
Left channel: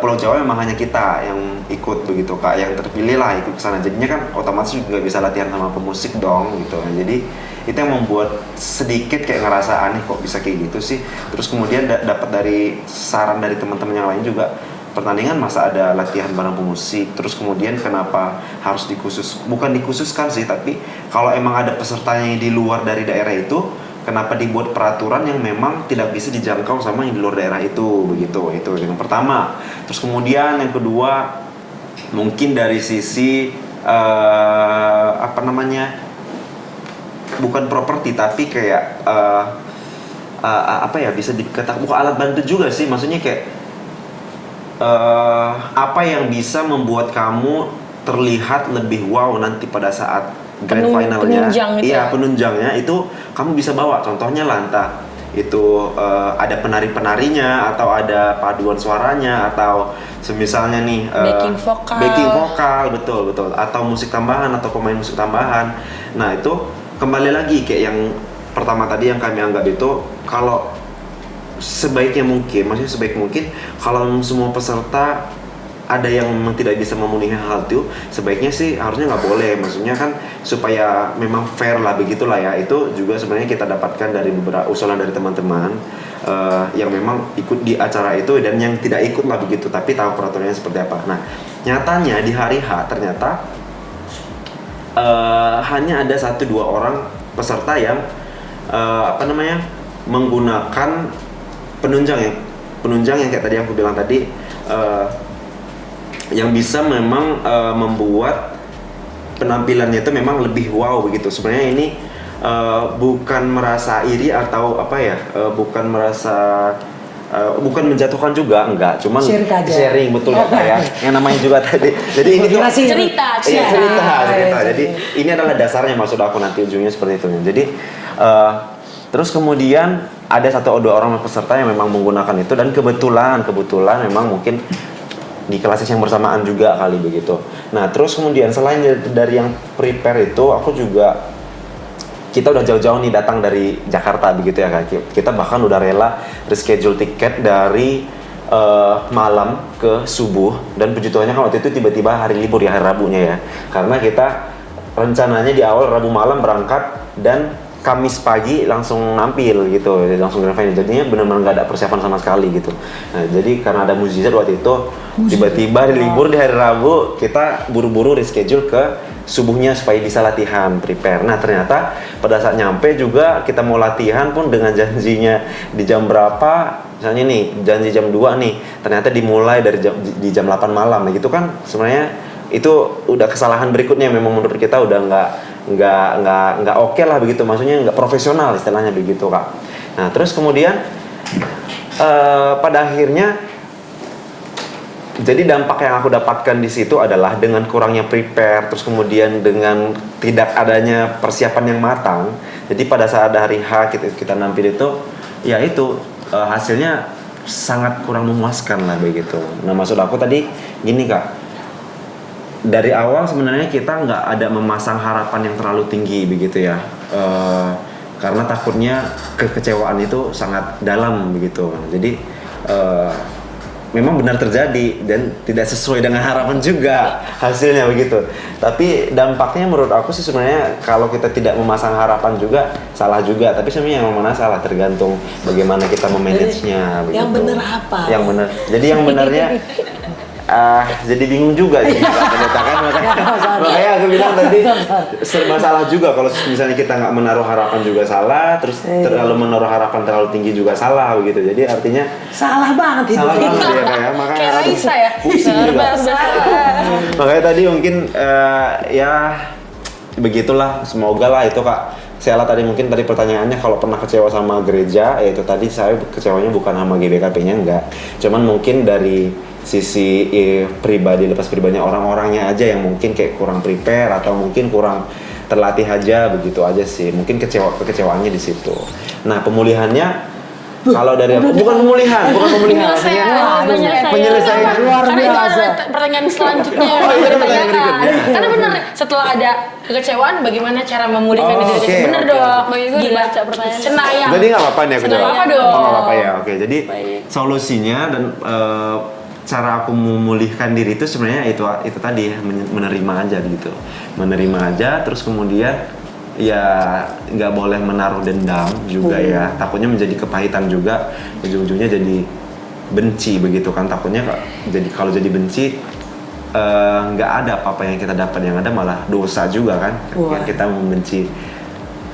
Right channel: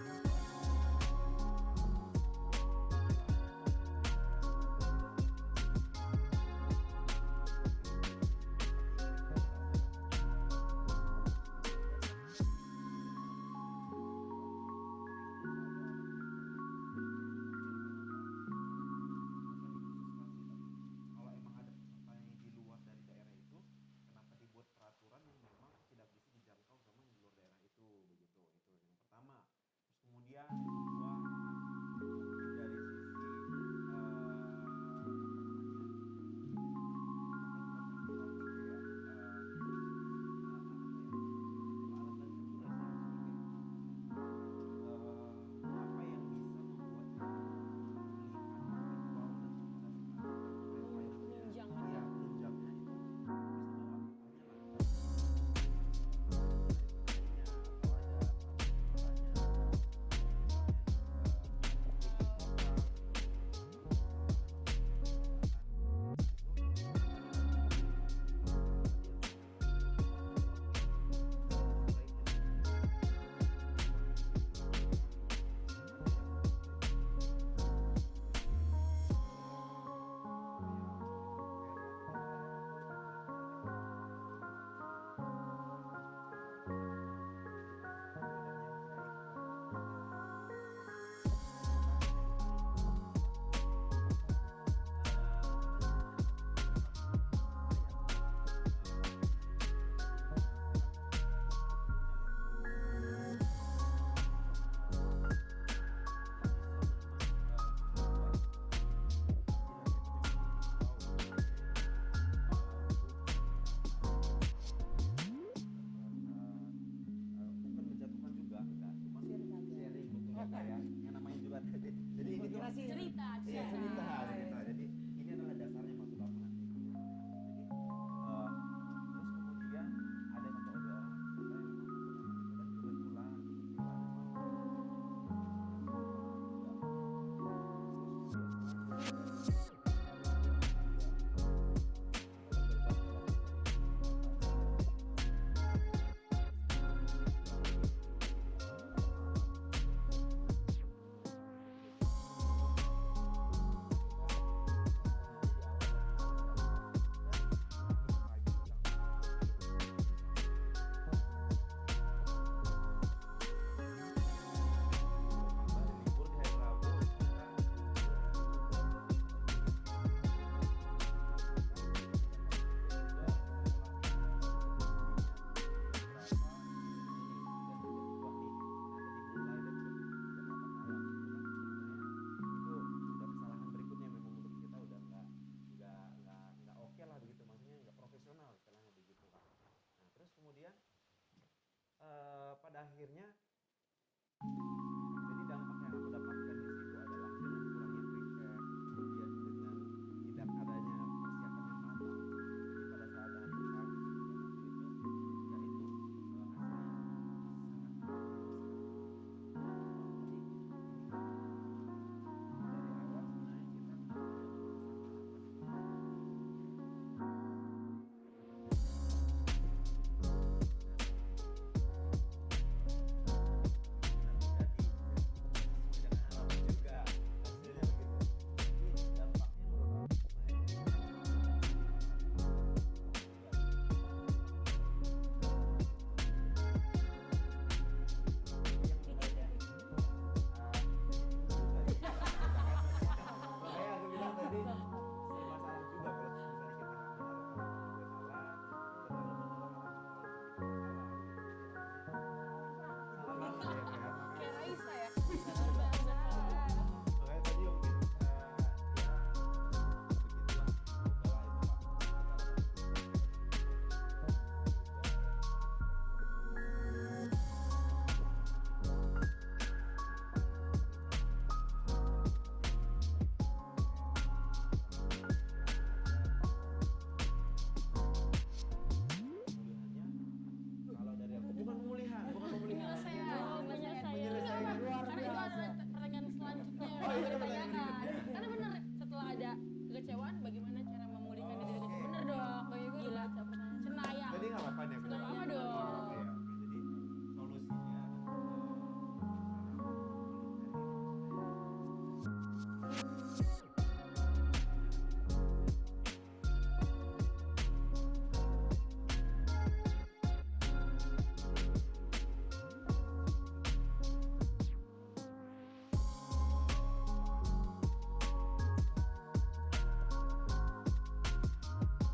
Pulau Jawa memang hanya kita yang ikut begitu Kak, yang terpilih lah ikut kesana. Jadinya kan otomatis juga bisa latihan sama pemusik dong gitu. Jadi itu yang membuat sedikit kayak ngerasa aneh kok bisa kayak gitu sih. Terus kemudian dapat dari saran dari teman-teman yang lain juga, pertandingan masa ada latihan bareng pemusik, terus kemudian kenapa harus bukan dikhususkan sih, tapi kalau emang ada pesertanya di luar dari daerah itu, kenapa dibuat peraturan yang memang tidak bisa dijangkau sama yang di luar daerah itu begitu. Itu yang pertama. Terus kemudian yang kedua mungkin dari sisi bukan properti tapi kayak bisa dikatakan bukan alat bantu juga sih, maksudnya kayak apa yang bisa membuat kamu terlihat lebih wow nanti pada saat grand finalnya, penunjangnya itu kamu bisa bawa. Contohnya lah entah itu ada penari-penarinya atau ada paduan suaranya atau semisalnya nih backing vokal betul atau musik tambahan atau pemain musik tambahan. Nah itu kembali lagi kayak yang pertama tadi yang kami anggap itu, kalau sebaik mungkin kalau semua peserta ada yang memang tidak bisa memenuhi hal itu, sebaiknya sih harusnya nggak boleh. Maksudnya kan supaya memang fair lah begitulah ya. Itu juga sebenarnya kita dapatkan dari beberapa usulan dari teman-teman yang memang ikut di acara itu dan yang tidak ikut lah begitu, tapi tahu peraturannya seperti apa. Nah, nyatanya di hari H ternyata hanya ada 1-2 orang peserta yang menggunakan penunjang yang kayak tadi aku bilang tadi, yang bisa memang membuat penampilannya itu memang lebih wow begitu. Sebenarnya ini bukan merasa iri atau bukan menjatuhkan juga, enggak, cuman sharing betul ya Kak ya. Yang namanya juga tadi. Jadi ini tuh cerita. Jadi ini adalah dasarnya, maksud aku nanti ujungnya seperti itu. Jadi terus kemudian ada 1-2 orang peserta yang memang menggunakan itu, dan kebetulan memang mungkin di kelas yang bersamaan juga kali begitu. Nah, terus kemudian selain dari yang prepare itu, aku juga, kita udah jauh-jauh nih datang dari Jakarta begitu ya Kak. Kita bahkan udah rela reschedule tiket dari malam ke subuh, dan puji Tuhannya kan waktu itu tiba-tiba hari libur ya, hari Rabunya ya. Karena kita rencananya di awal Rabu malam berangkat dan Kamis pagi langsung nampil gitu, langsung grand final. Jadinya benar-benar nggak ada persiapan sama sekali gitu. Nah, jadi karena ada mukjizat waktu itu, tiba-tiba libur di hari Rabu, kita buru-buru reschedule ke subuhnya supaya bisa latihan prepare. Nah, ternyata pada saat nyampe juga kita mau latihan pun dengan janjinya di jam berapa, misalnya nih janji jam 2 nih, ternyata dimulai dari di jam 8 malam. Nah, gitu kan sebenarnya itu udah kesalahan berikutnya, memang menurut kita udah nggak oke lah begitu, maksudnya nggak profesional istilahnya begitu Kak. Nah, terus kemudian pada akhirnya jadi dampak yang aku dapatkan di situ adalah dengan kurangnya prepare, terus kemudian dengan tidak adanya persiapan yang matang. Jadi pada saat hari H kita nampil itu, ya itu hasilnya sangat kurang memuaskan lah begitu. Nah, maksud aku tadi gini Kak, dari awal sebenarnya kita nggak ada memasang harapan yang terlalu tinggi begitu ya, karena takutnya kekecewaan itu sangat dalam begitu. Jadi memang benar terjadi dan tidak sesuai dengan harapan juga hasilnya begitu. Tapi dampaknya menurut aku sih sebenarnya kalau kita tidak memasang harapan juga salah juga. Tapi sebenarnya yang mana salah tergantung bagaimana kita memanagenya begitu. Yang benar apa? Yang benar. Jadi yang benarnya jadi bingung juga sih ternyata kan, makanya aku bilang tadi serba salah juga. Kalau misalnya kita nggak menaruh harapan juga salah, terus terlalu menaruh harapan terlalu tinggi juga salah begitu. Jadi artinya salah banget salah banget ya kayak, makanya Kayak Raisa ya. pusing juga. Makanya tadi mungkin ya begitulah, semoga lah itu Kak. Sheila tadi mungkin tadi pertanyaannya kalau pernah kecewa sama gereja, ya itu tadi saya kecewanya bukan sama GBKP-nya enggak, cuman mungkin dari sisi pribadi, lepas pribadinya orang-orangnya aja yang mungkin kayak kurang prepare atau mungkin kurang terlatih aja begitu aja sih. Mungkin kekecewaannya di situ. Nah, pemulihannya kalau dari bukan pemulihan, penyelesaian luar Karena itu biasa. ada pertanyaan selanjutnya yang Oh, iya, kita pertanyaan tanyakan. berikutnya. Karena benar, setelah ada kekecewaan, bagaimana cara memulihkan diri oke, kita? Bener oke. dong. Bang Igo udah Gila. baca pertanyaan. Cenayang. Jadi nggak apa-apa nih aku jawab. Nggak apa dong. Oh, nggak apa-apa ya. Oke, jadi Baik. solusinya dan cara aku memulihkan diri itu sebenarnya itu tadi ya, menerima aja gitu. Menerima aja, terus kemudian ya nggak boleh menaruh dendam juga ya. Takutnya menjadi kepahitan juga, ujung-ujungnya jadi benci begitu kan. Takutnya kalau jadi benci nggak ada apa-apa yang kita dapat, yang ada malah dosa juga kan. Yang kita membenci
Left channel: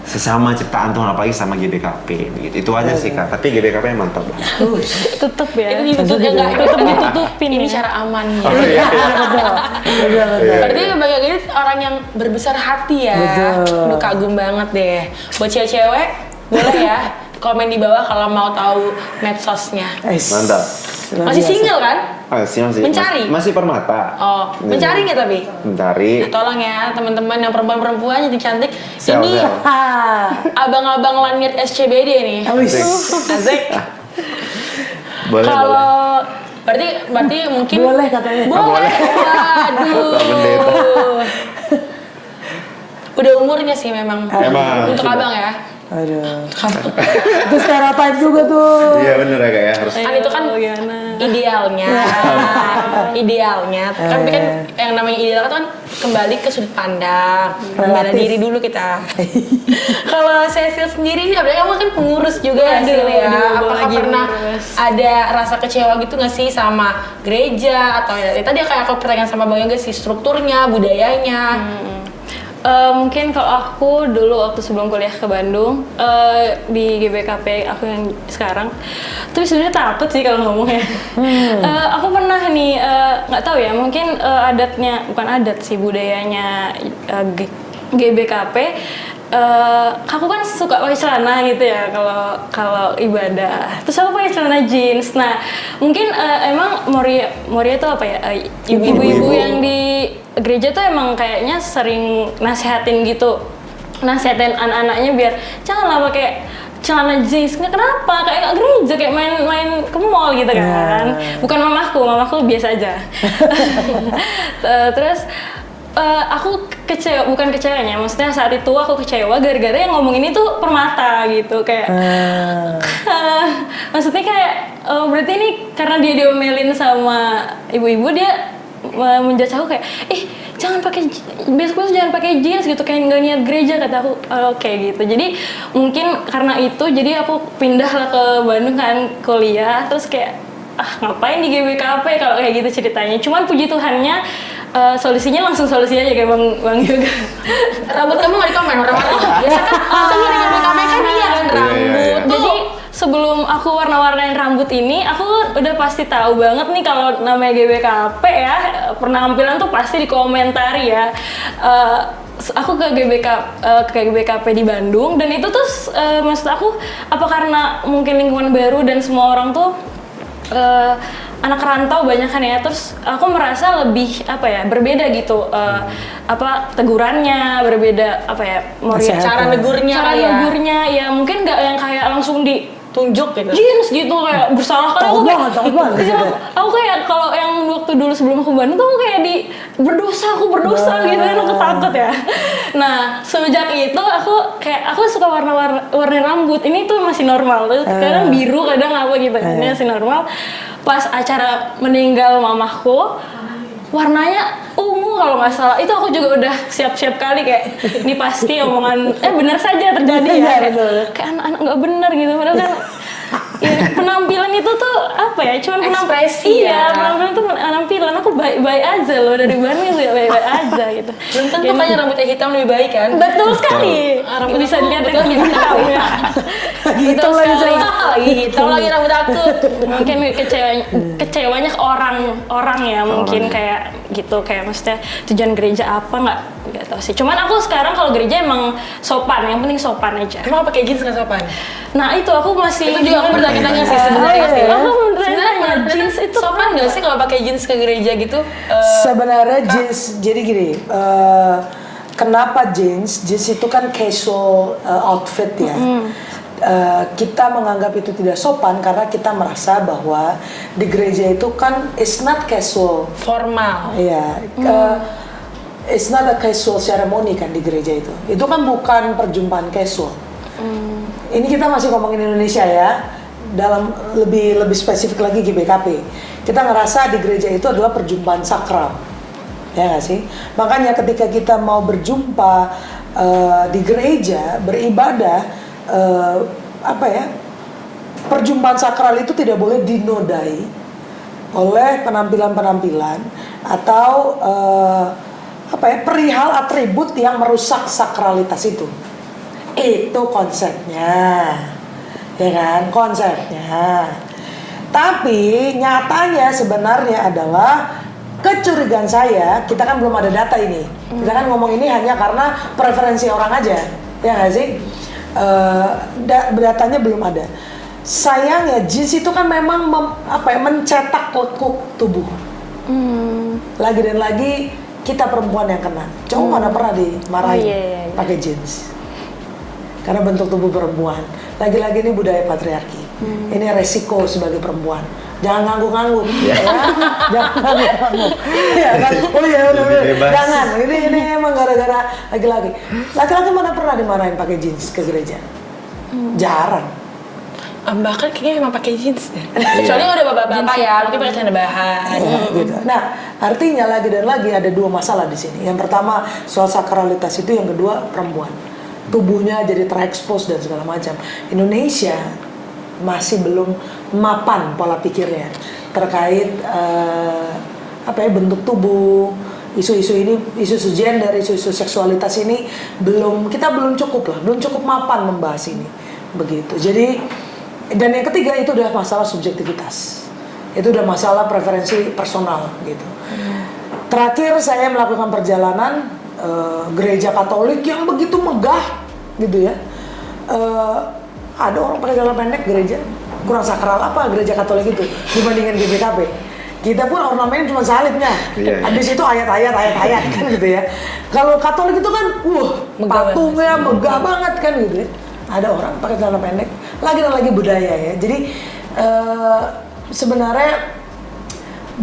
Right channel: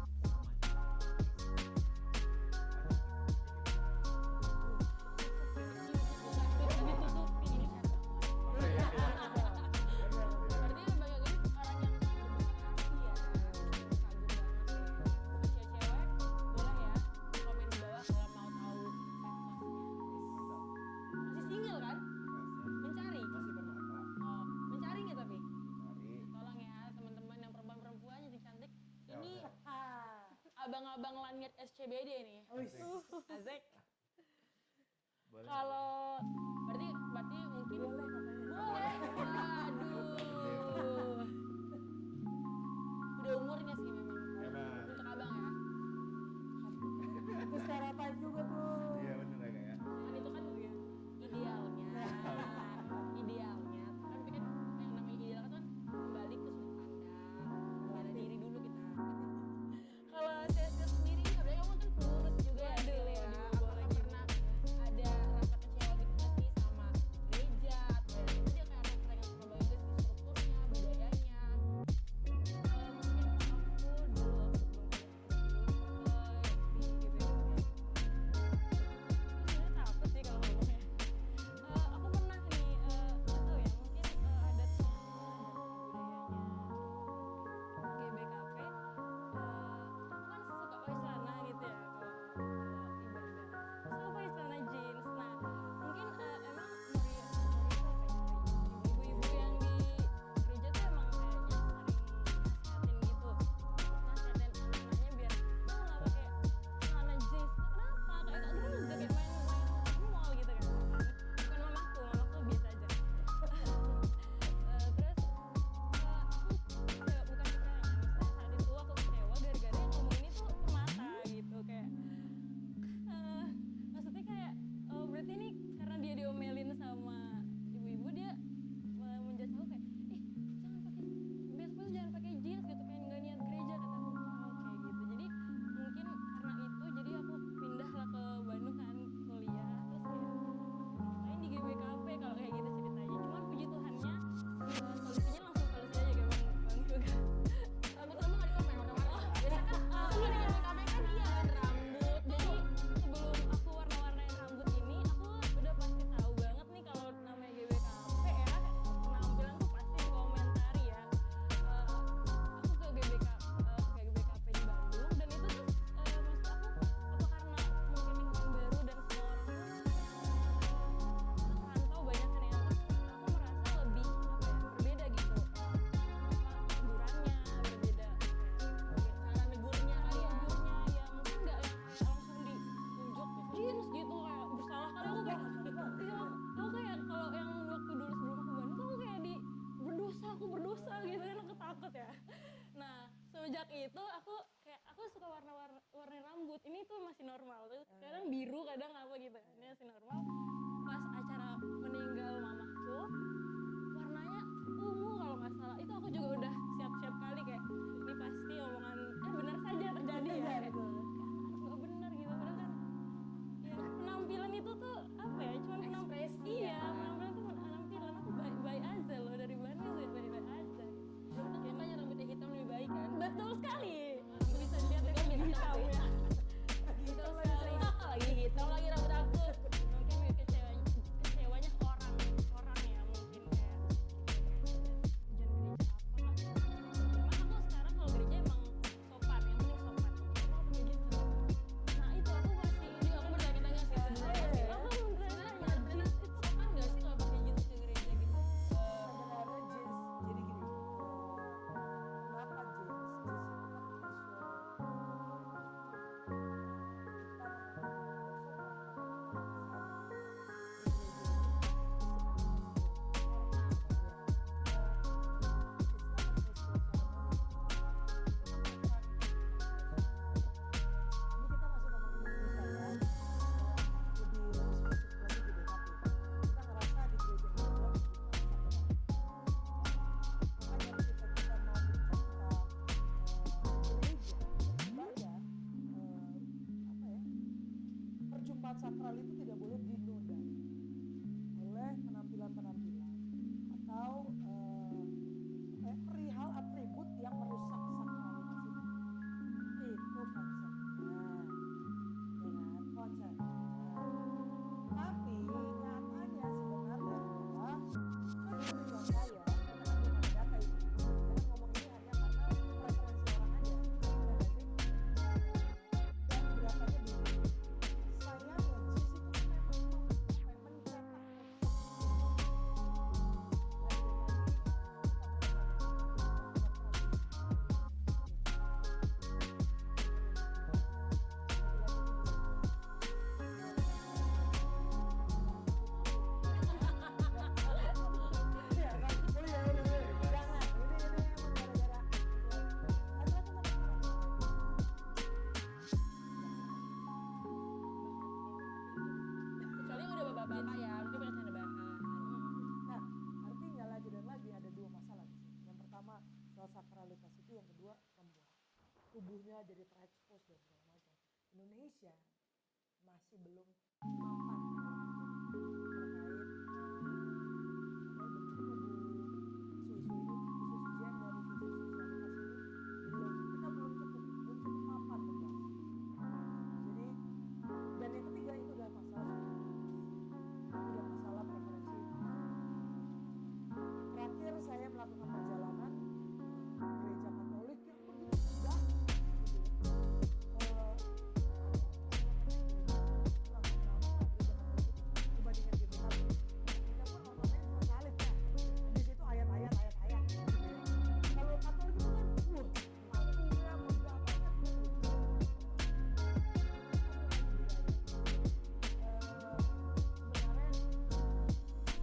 sesama ciptaan Tuhan, apalagi sama GBKP begitu. Itu aja sih Kak, tapi GBKP mantap lah. Tutup ya. Itu enggak Ditutupin ini ya. cara amannya. Betul. Berarti Bang Yogi ini orang yang berbesar hati ya. Betul. Aduh, kagum banget deh. Buat cewek-cewek boleh ya komen di bawah kalau mau tahu medsosnya. Mantap. Masih single kan? Masih Mencari? masih permata. Oh, mencari nggak tapi? Mencari. Tolong ya teman-teman yang perempuan-perempuan cantik. Sel, Ini sel. abang-abang langit SCBD nih. Asik. Boleh, boleh. Kalau berarti mungkin Boleh katanya. Boleh. Waduh. Pak Pendeta. Udah umurnya sih memang. Emang. Untuk abang ya. Aduh. Itu stereotip juga tuh. Iya bener ya Kak ya, harus. Kan itu kan Gimana? idealnya. idealnya, tapi kan yang namanya ideal kan kembali ke sudut pandang, bela Relatif. diri dulu kita. Kalau Cecil sendiri nih, apalagi kamu kan pengurus juga ya, Aduh, Sil, ya. dibawa Apakah lagi pernah pengurus. ada rasa kecewa gitu nggak sih sama gereja atau ya tadi kayak aku pertanyaan sama Bang Yoga sih, strukturnya, budayanya. Mungkin kalau aku dulu waktu sebelum kuliah ke Bandung di GBKP aku yang sekarang, tapi sebenarnya takut sih kalau ngomongnya. Aku pernah nih nggak tahu ya, mungkin adatnya bukan adat sih, budayanya GBKP. Aku kan suka pakai celana gitu ya kalau ibadah. Terus aku pakai celana jeans. Nah mungkin emang Moria itu apa ya? Ibu-ibu yang di gereja tuh emang kayaknya sering nasehatin gitu, nasehatin anak-anaknya biar janganlah pakai celana jeans. Nggak, kenapa? Kayak gereja, kayak main ke mall gitu kan. Bukan mamaku biasa aja. Terus aku bukan kecewanya, maksudnya saat itu aku kecewa gara-gara yang ngomong ini tuh Permata gitu, kayak maksudnya kayak berarti ini karena dia diomelin sama ibu-ibu, dia menjudge aku kayak jangan pakai besok jangan pakai jeans gitu, kayak nggak niat gereja, kata aku. Kayak gitu. Jadi mungkin karena itu jadi aku pindah lah ke Bandung kan kuliah, terus kayak ngapain di GBKP kalau kayak gitu ceritanya. Cuman puji Tuhannya solusinya langsung solusi aja kayak Bang Yoga. Rambut kamu nggak dikomen warna-warna. Biasa kan gini GBKP kan iya kan rambut. Jadi sebelum aku warna-warnain rambut ini, aku udah pasti tahu banget nih kalau namanya GBKP ya, penampilan tuh pasti dikomentari ya. Aku ke GBKP di Bandung, dan itu tuh maksud aku apa karena mungkin lingkungan baru dan semua orang tuh anak rantau banyak kan ya, terus aku merasa lebih berbeda gitu, tegurannya berbeda, Cara negurnya ya mungkin nggak yang kayak langsung tunjuk gitu. jeans gitu kayak bersalah kan. Takut banget Iya, gitu. aku kayak kalau yang waktu dulu sebelum aku Bandung tuh aku kayak aku berdosa gitu kan, aku takut ya. Nah semenjak itu aku suka warna rambut ini tuh masih normal, kadang biru kadang apa gitu, ini masih normal. Pas acara meninggal mamahku, warnanya ungu kalau nggak salah, itu aku juga udah siap-siap kali kayak ini pasti omongan benar saja terjadi ya, kayak anak-anak nggak benar gitu, padahal kan ya, penampilan itu tuh cuman Ekspresi ya. penampilan tuh penampilan, aku baik-baik aja loh dari Bandung juga baik-baik aja gitu. Belum tentu kan yang rambutnya hitam lebih baik kan? Betul sekali, Rambut bisa aku dilihat betul dari hitam ya. Betul sekali. Lagi hitam lagi rambut aku. Mungkin kecewanya ke orang ya, mungkin kayak gitu, kayak maksudnya tujuan gereja apa nggak tahu sih. Cuman aku sekarang kalau gereja emang sopan, yang penting sopan aja. Emang pakai jeans nggak sopan? Nah itu aku masih Itu juga aku bertanya-tanya sih sebenarnya sih. Aku Sebenarnya jeans itu sopan nggak sih kalau pakai jeans ke gereja gitu? Sebenarnya jeans, jadi gini, kenapa jeans? Jeans itu kan casual outfit ya. Kita menganggap itu tidak sopan karena kita merasa bahwa di gereja itu kan it's not casual. Formal. Iya, it's not a casual ceremony kan di gereja itu. Itu kan bukan perjumpaan casual. Ini kita masih ngomongin Indonesia ya. Dalam lebih spesifik lagi GBKP, kita ngerasa di gereja itu adalah perjumpaan sakral, ya nggak sih? Makanya ketika kita mau berjumpa di gereja beribadah, perjumpaan sakral itu tidak boleh dinodai oleh penampilan-penampilan atau perihal atribut yang merusak sakralitas itu. Itu konsepnya. Ya kan, konsepnya. Tapi nyatanya sebenarnya adalah kecurigaan saya, kita kan belum ada data ini. Kita kan ngomong ini hanya karena preferensi orang aja, ya nggak sih? Datanya belum ada. Sayangnya jeans itu kan memang mencetak lekuk tubuh. Lagi dan lagi kita perempuan yang kena. Cowok mana pernah dimarahin pakai jeans? Karena bentuk tubuh perempuan. Lagi-lagi ini budaya patriarki. Ini resiko sebagai perempuan. Jangan ngangguk-ngangguk, ya. Jangan ngangguk-ngangguk. Ya kan? Oh iya, udah. Jangan. Ini emang gara-gara laki-laki. Laki-laki mana pernah dimarahin pakai jeans ke gereja? Jarang. Bahkan kayaknya memang pakai jeans deh. Kecuali udah bapak-bapak ya, mungkin pakai celana bahan. Gitu. Nah, artinya lagi dan lagi ada dua masalah di sini. Yang pertama soal sakralitas itu, yang kedua perempuan. Tubuhnya jadi terekspos dan segala macam. Indonesia masih belum mapan pola pikirnya terkait bentuk tubuh, isu-isu ini, isu-isu gender, isu-isu seksualitas ini kita belum cukup mapan membahas ini, begitu. Jadi, dan yang ketiga itu udah masalah subjektivitas, itu udah masalah preferensi personal gitu. Terakhir saya melakukan perjalanan gereja Katolik yang begitu megah gitu ya. Ada orang pakai celana pendek gereja, kurang sakral apa gereja Katolik itu dibandingkan GBKP. Kita pun ornamennya cuma salibnya, habis itu ayat-ayat kan gitu ya. Kalau Katolik itu kan, patungnya megah banget kan gitu ya. Ada orang pakai celana pendek, lagi dan lagi budaya ya. Jadi sebenarnya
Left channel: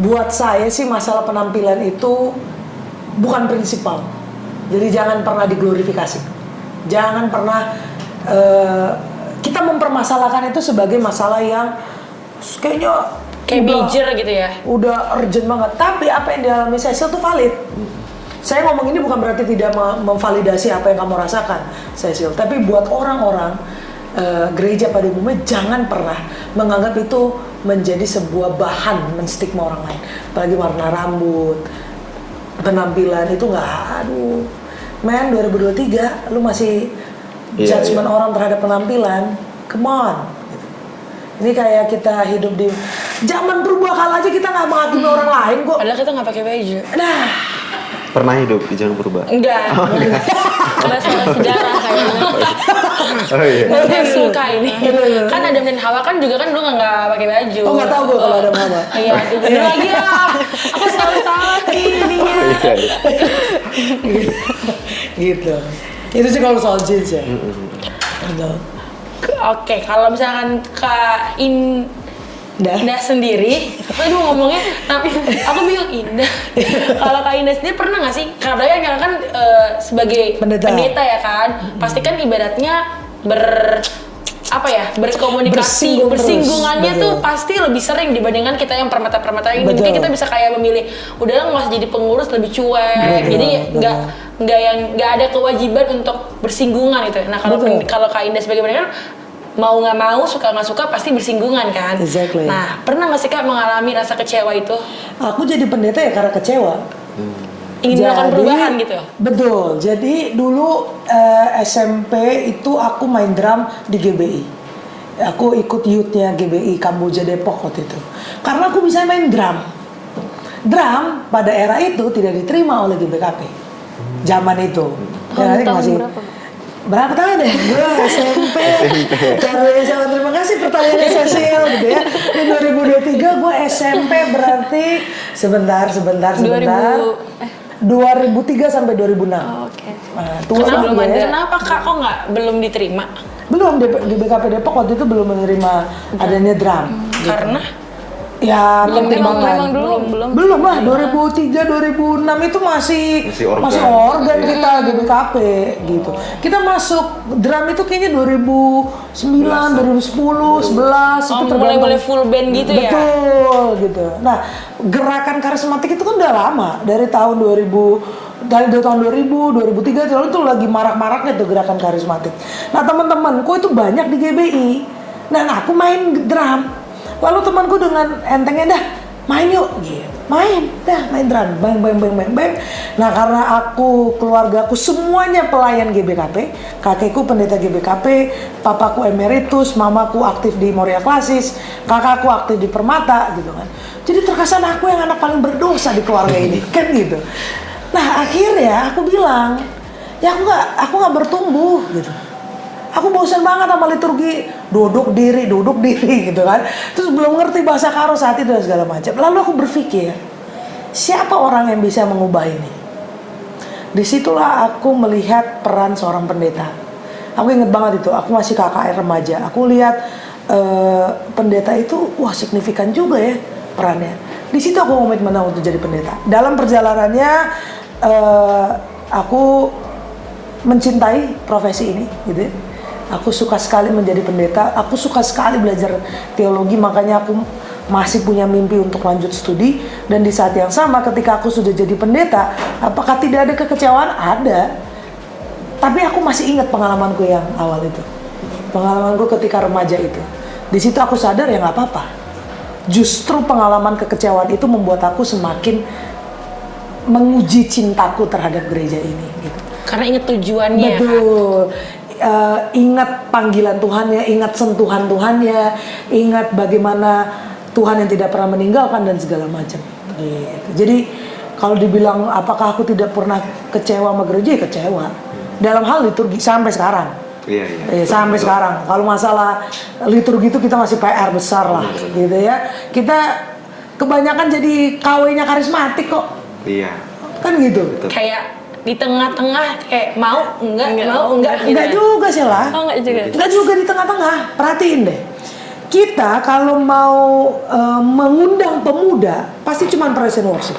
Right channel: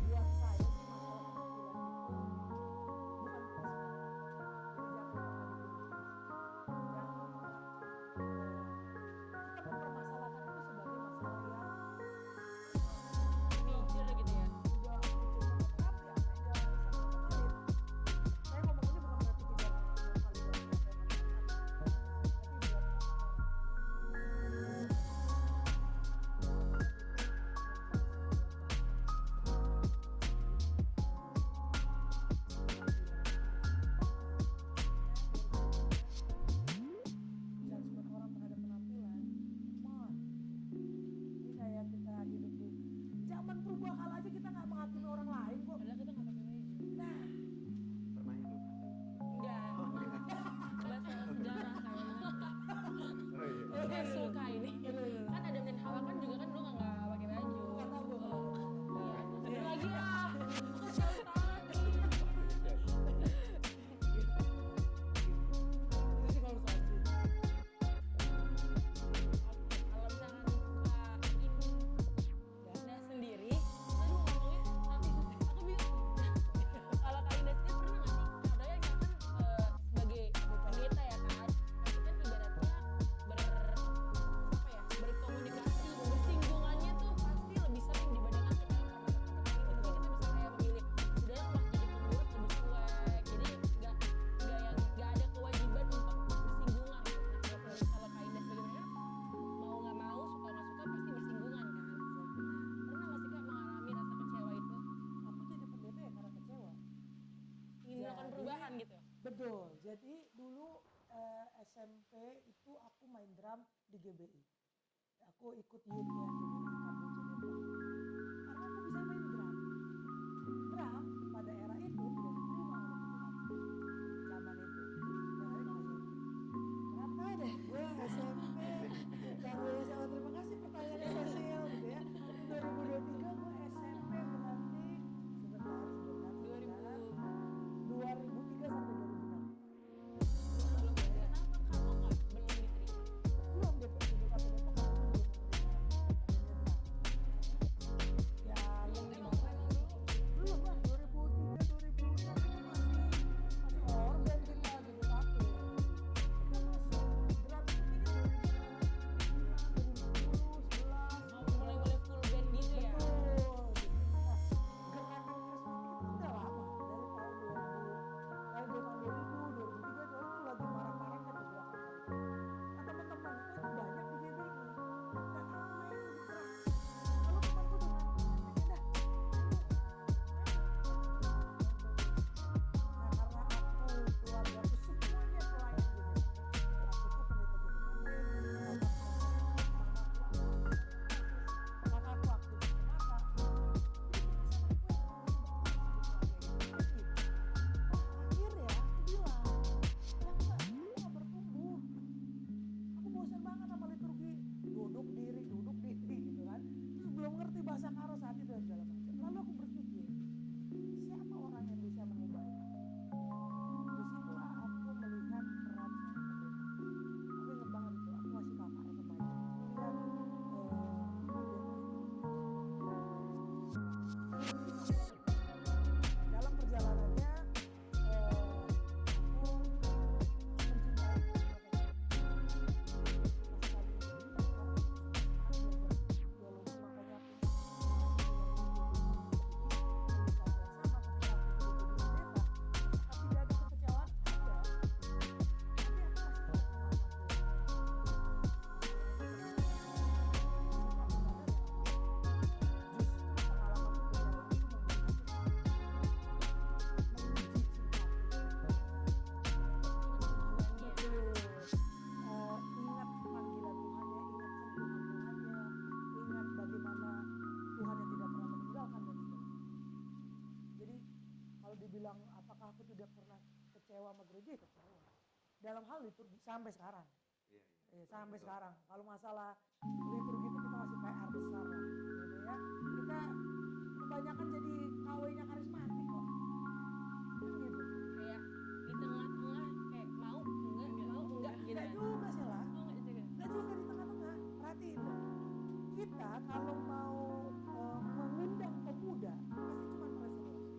buat saya sih masalah penampilan itu bukan prinsipal. Jadi jangan pernah diglorifikasi, jangan pernah kita mempermasalahkan itu sebagai masalah yang kayaknya kayak major gitu ya. Udah urgent banget. Tapi apa yang dialami Cecil tuh valid. Saya ngomong ini bukan berarti tidak memvalidasi apa yang kamu rasakan, Cecil. Tapi buat orang-orang gereja pada umumnya jangan pernah menganggap itu menjadi sebuah bahan menstigma orang lain. Apalagi warna rambut, penampilan itu nggak. Aduh, men 2023 lu masih judgement orang terhadap penampilan. Come on. Ini kayak kita hidup di zaman perubahan aja, kita nggak menghakimi orang lain kok. Padahal kita nggak pakai baju. Nah, Pernah hidup di zaman purba? enggak. Enggak soal sejarah kayaknya. Oh iya. Saya suka ini. Kan Adam dan Hawa kan juga kan dulu nggak pakai baju. oh nggak tahu gue kalau ada mama. Iya, itu lagi ya. Aku selalu salah ininya. Gitu. Itu sih kalau soal jeans ya. Gitu. Oke, kalau misalkan Kak Indah sendiri, aduh ngomongnya, tapi aku bingung Indah. Kalau Kak Indah sendiri pernah nggak sih? Karena kan sebagai pendeta ya kan, pasti kan ibaratnya berkomunikasi, bersinggungannya tuh pasti lebih sering dibandingkan kita yang permata-permata ini. Mungkin kita bisa kayak memilih, udahlah nggak usah jadi pengurus, lebih cuek. Jadi nggak ada kewajiban untuk bersinggungan itu. Nah kalau Kak Indah sebagai pendeta kan mau nggak mau, suka nggak suka pasti bersinggungan kan. Exactly. Nah, pernah nggak sih Kak mengalami rasa kecewa itu? Aku jadi pendeta ya karena kecewa. Ingin melakukan perubahan gitu? Betul. Jadi dulu SMP itu aku main drum di GBI. Aku ikut youth-nya GBI Kamboja Depok waktu itu. Karena aku bisa main drum. Drum pada era itu tidak diterima oleh GBKP. Zaman itu. Tahun berapa? Berapa tahun deh? Gue SMP. Sama terima kasih pertanyaannya Cecil gitu ya. Di 2023 gue SMP berarti sebentar. 2003 sampai 2006. Oh, oke. Nah, tua banget ya. Kenapa Kak kok belum diterima? Belum di BKP Depok waktu itu belum menerima adanya drum. Gitu. Karena Ya, memang belum lah. 2003 2006 itu masih organ kita GBKP gitu. Kita masuk drum itu kayaknya 2009, 2010, 11 itu mulai full band gitu ya. Betul gitu. Nah, gerakan karismatik itu kan udah lama, dari tahun 2000, 2003 itu lagi marak-maraknya tuh gerakan karismatik. Nah, teman-temanku itu banyak di GBI. Dan aku main drum. Lalu temanku dengan entengnya, dah main yuk, gitu. Main drum, bang. Nah, karena keluargaku semuanya pelayan GBKP, kakekku pendeta GBKP, papaku emeritus, mamaku aktif di Moria Klasis, kakakku aktif di Permata, gitu kan. Jadi terkesan aku yang anak paling berdosa di keluarga ini, kan gitu. Nah, akhirnya aku bilang, ya aku nggak bertumbuh, gitu. Aku bosan banget sama liturgi duduk diri gitu kan. Terus belum ngerti bahasa karo saat itu dan segala macam. Lalu aku berpikir, siapa orang yang bisa mengubah ini? Disitulah aku melihat peran seorang pendeta. Aku inget banget itu, aku masih KKR remaja. Aku lihat pendeta itu, wah signifikan juga ya perannya. Di situ aku komitmen untuk jadi pendeta. Dalam perjalanannya aku mencintai profesi ini, gitu. Aku suka sekali menjadi pendeta. Aku suka sekali belajar teologi, makanya aku masih punya mimpi untuk lanjut studi. Dan di saat yang sama ketika aku sudah jadi pendeta, apakah tidak ada kekecewaan? Ada. Tapi aku masih ingat pengalamanku yang awal itu. Pengalamanku ketika remaja itu. Di situ aku sadar ya nggak apa-apa. Justru pengalaman kekecewaan itu membuat aku semakin menguji cintaku terhadap gereja ini. Gitu. Karena inget tujuannya. Betul. Ingat panggilan Tuhannya, ingat sentuhan Tuhannya, ingat bagaimana Tuhan yang tidak pernah meninggalkan dan segala macam. Gitu. Jadi kalau dibilang apakah aku tidak pernah kecewa sama gereja, ya kecewa. Dalam hal liturgi sampai sekarang. Iya. Sampai sekarang. Kalau masalah liturgi itu kita masih PR besar lah, gitu ya. Kita kebanyakan jadi KW-nya karismatik kok. Iya. Kan gitu. Kayak di tengah-tengah kayak mau enggak mau enggak gitu. Enggak juga sih lah. Oh enggak juga. Enggak juga di tengah-tengah. Perhatiin deh. Kita kalau mau mengundang pemuda pasti cuma praise and worship.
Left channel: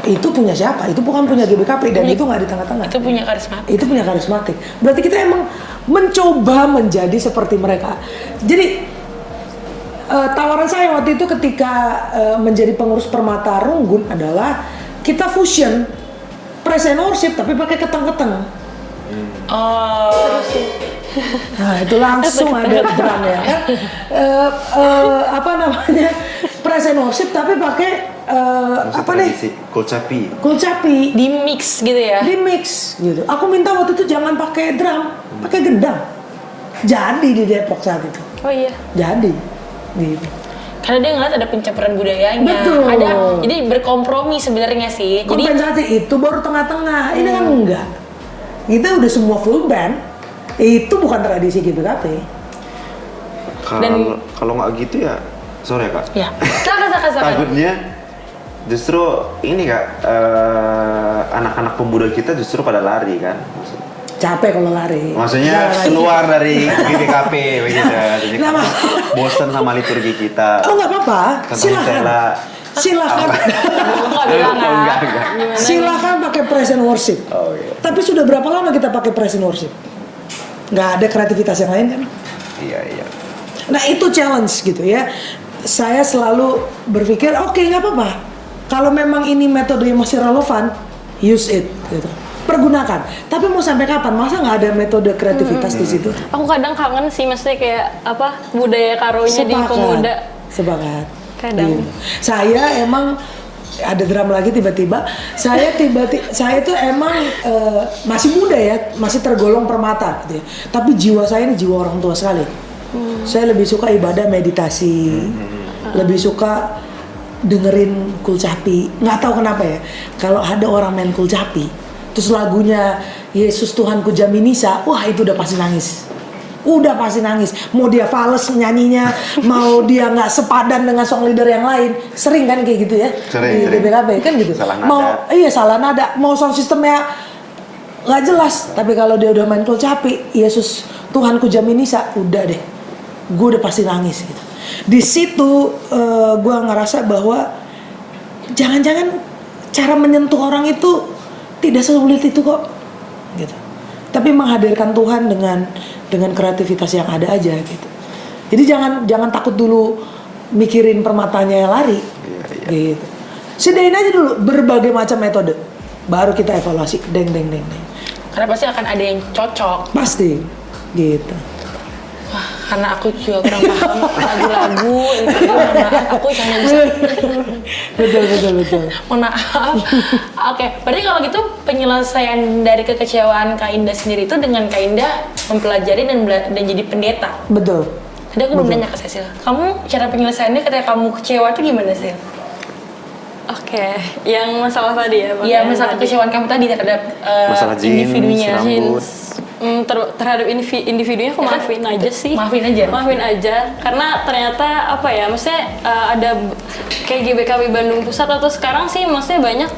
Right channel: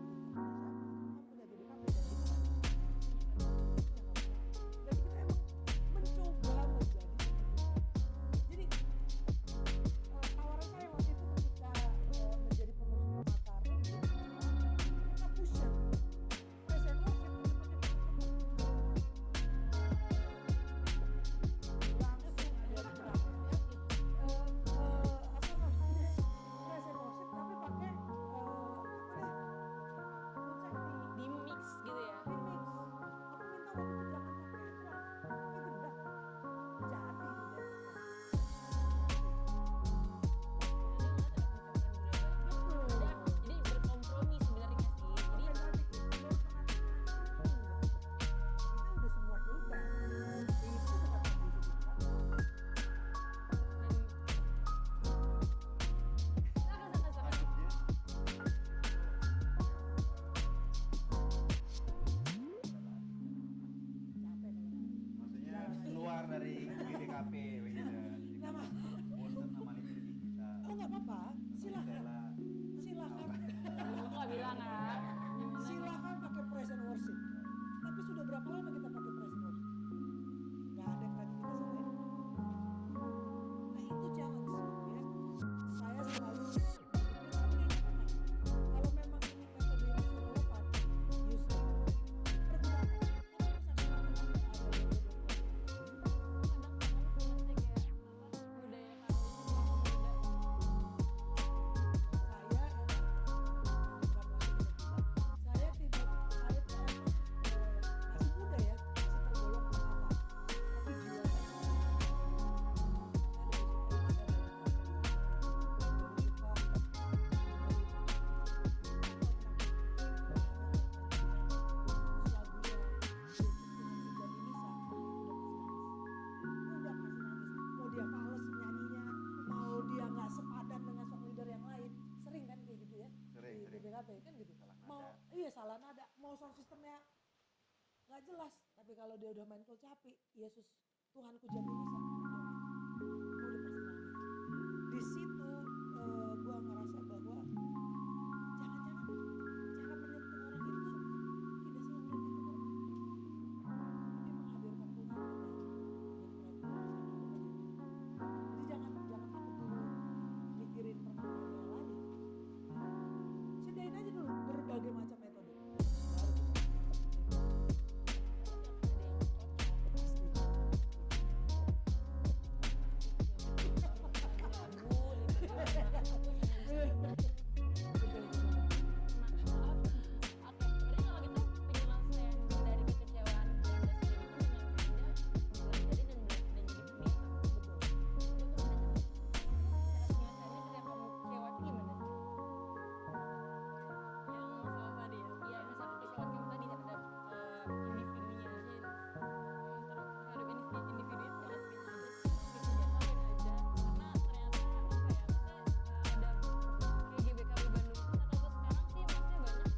Itu punya siapa? Itu bukan punya GBKP dan itu nggak di tengah-tengah. Itu punya karismatik. Itu punya karismatik. Berarti kita emang mencoba menjadi seperti mereka. Jadi tawaran saya waktu itu ketika menjadi pengurus Permata Runggun adalah kita fusion praise and worship tapi pakai keteng-keteng. Oh. Nah itu langsung ada drum ya kan. Apa namanya praise and worship tapi pakai apa nih? Kulcapi. Kulcapi. Di mix gitu ya. Di mix gitu. Aku minta waktu itu jangan pakai drum, pakai gendang. Jadi di Depok saat itu. Oh iya. Jadi gitu. Karena dia ngeliat ada pencempraan budayanya. Betul. Ada, jadi berkompromi sebenarnya sih. Jadi Kompensasi itu baru tengah-tengah. Ini kan enggak. Kita udah semua full band. Itu bukan tradisi GBKP. Kalau nggak gitu ya, sorry ya kak. ya. Silakan. Takutnya justru ini kak, anak-anak pemuda kita justru pada lari kan. Capek kalau lari. Maksudnya Jangan keluar dari GBKP begitu. Jadi Kenapa? bosan sama liturgi kita. Oh nggak apa-apa. Tentang Silakan. Stella. Silakan. Enggak bilang Oh, enggak. Silakan pakai praise and worship. Oh iya. Tapi sudah berapa lama kita pakai praise and worship? Nggak ada kreativitas yang lain kan? Iya. Nah itu challenge gitu ya. Saya selalu berpikir oke, nggak apa-apa. Kalau memang ini metode yang masih relevan, use it gitu. Pergunakan. Tapi mau sampai kapan? Masa nggak ada metode kreativitas di situ? Aku kadang kangen sih, mesti kayak apa budaya karonya di pemuda. Sepakat. Kadang. Gitu. Saya emang ada drum lagi tiba-tiba. Saya tuh emang masih muda ya, masih tergolong permata gitu ya. Tapi jiwa saya ini jiwa orang tua sekali. Saya lebih suka ibadah meditasi, lebih suka dengerin kulcapi. Nggak tahu kenapa ya. Kalau ada orang main kulcapi, terus lagunya Yesus Tuhanku Jaminisa, wah itu udah pasti nangis. Udah pasti nangis. Mau dia fales nyanyinya, mau dia nggak sepadan dengan song leader yang lain, sering kan kayak gitu ya. Sering. Di BBKB kan gitu. Salah nada. Salah nada. Mau sound sistemnya nggak jelas. Tapi kalau dia udah main kulcapi, Yesus Tuhanku Jaminisa, udah deh. Gue udah pasti nangis gitu. Di situ gue ngerasa bahwa jangan-jangan cara menyentuh orang itu tidak sesulit itu kok, gitu. Tapi menghadirkan Tuhan dengan kreativitas yang ada aja gitu. Jadi jangan takut dulu mikirin permatanya yang lari, gitu. Sedain aja dulu berbagai macam metode, baru kita evaluasi, deng. Karena pasti akan ada yang cocok. Pasti, gitu. Wah, karena aku juga kurang paham lagu-lagu itu, mohon maaf, aku hanya bisa. Betul. Mohon maaf. Oke, berarti kalau gitu penyelesaian dari kekecewaan Kak Indah sendiri itu dengan Kak Indah mempelajari dan jadi pendeta. Betul. Tadi aku belum nanya ke Cecil. Kamu cara penyelesaiannya ketika kamu kecewa itu gimana sih? Oke, yang masalah tadi ya Bang? Iya, Yang masalah tadi. kekecewaan kamu tadi terhadap Masalah jeans, individunya. rambut. Terhadap individunya aku maafin aja sih. Maafin aja. Karena ternyata apa ya, maksudnya ada kayak GBKB Bandung Pusat atau sekarang sih maksudnya banyak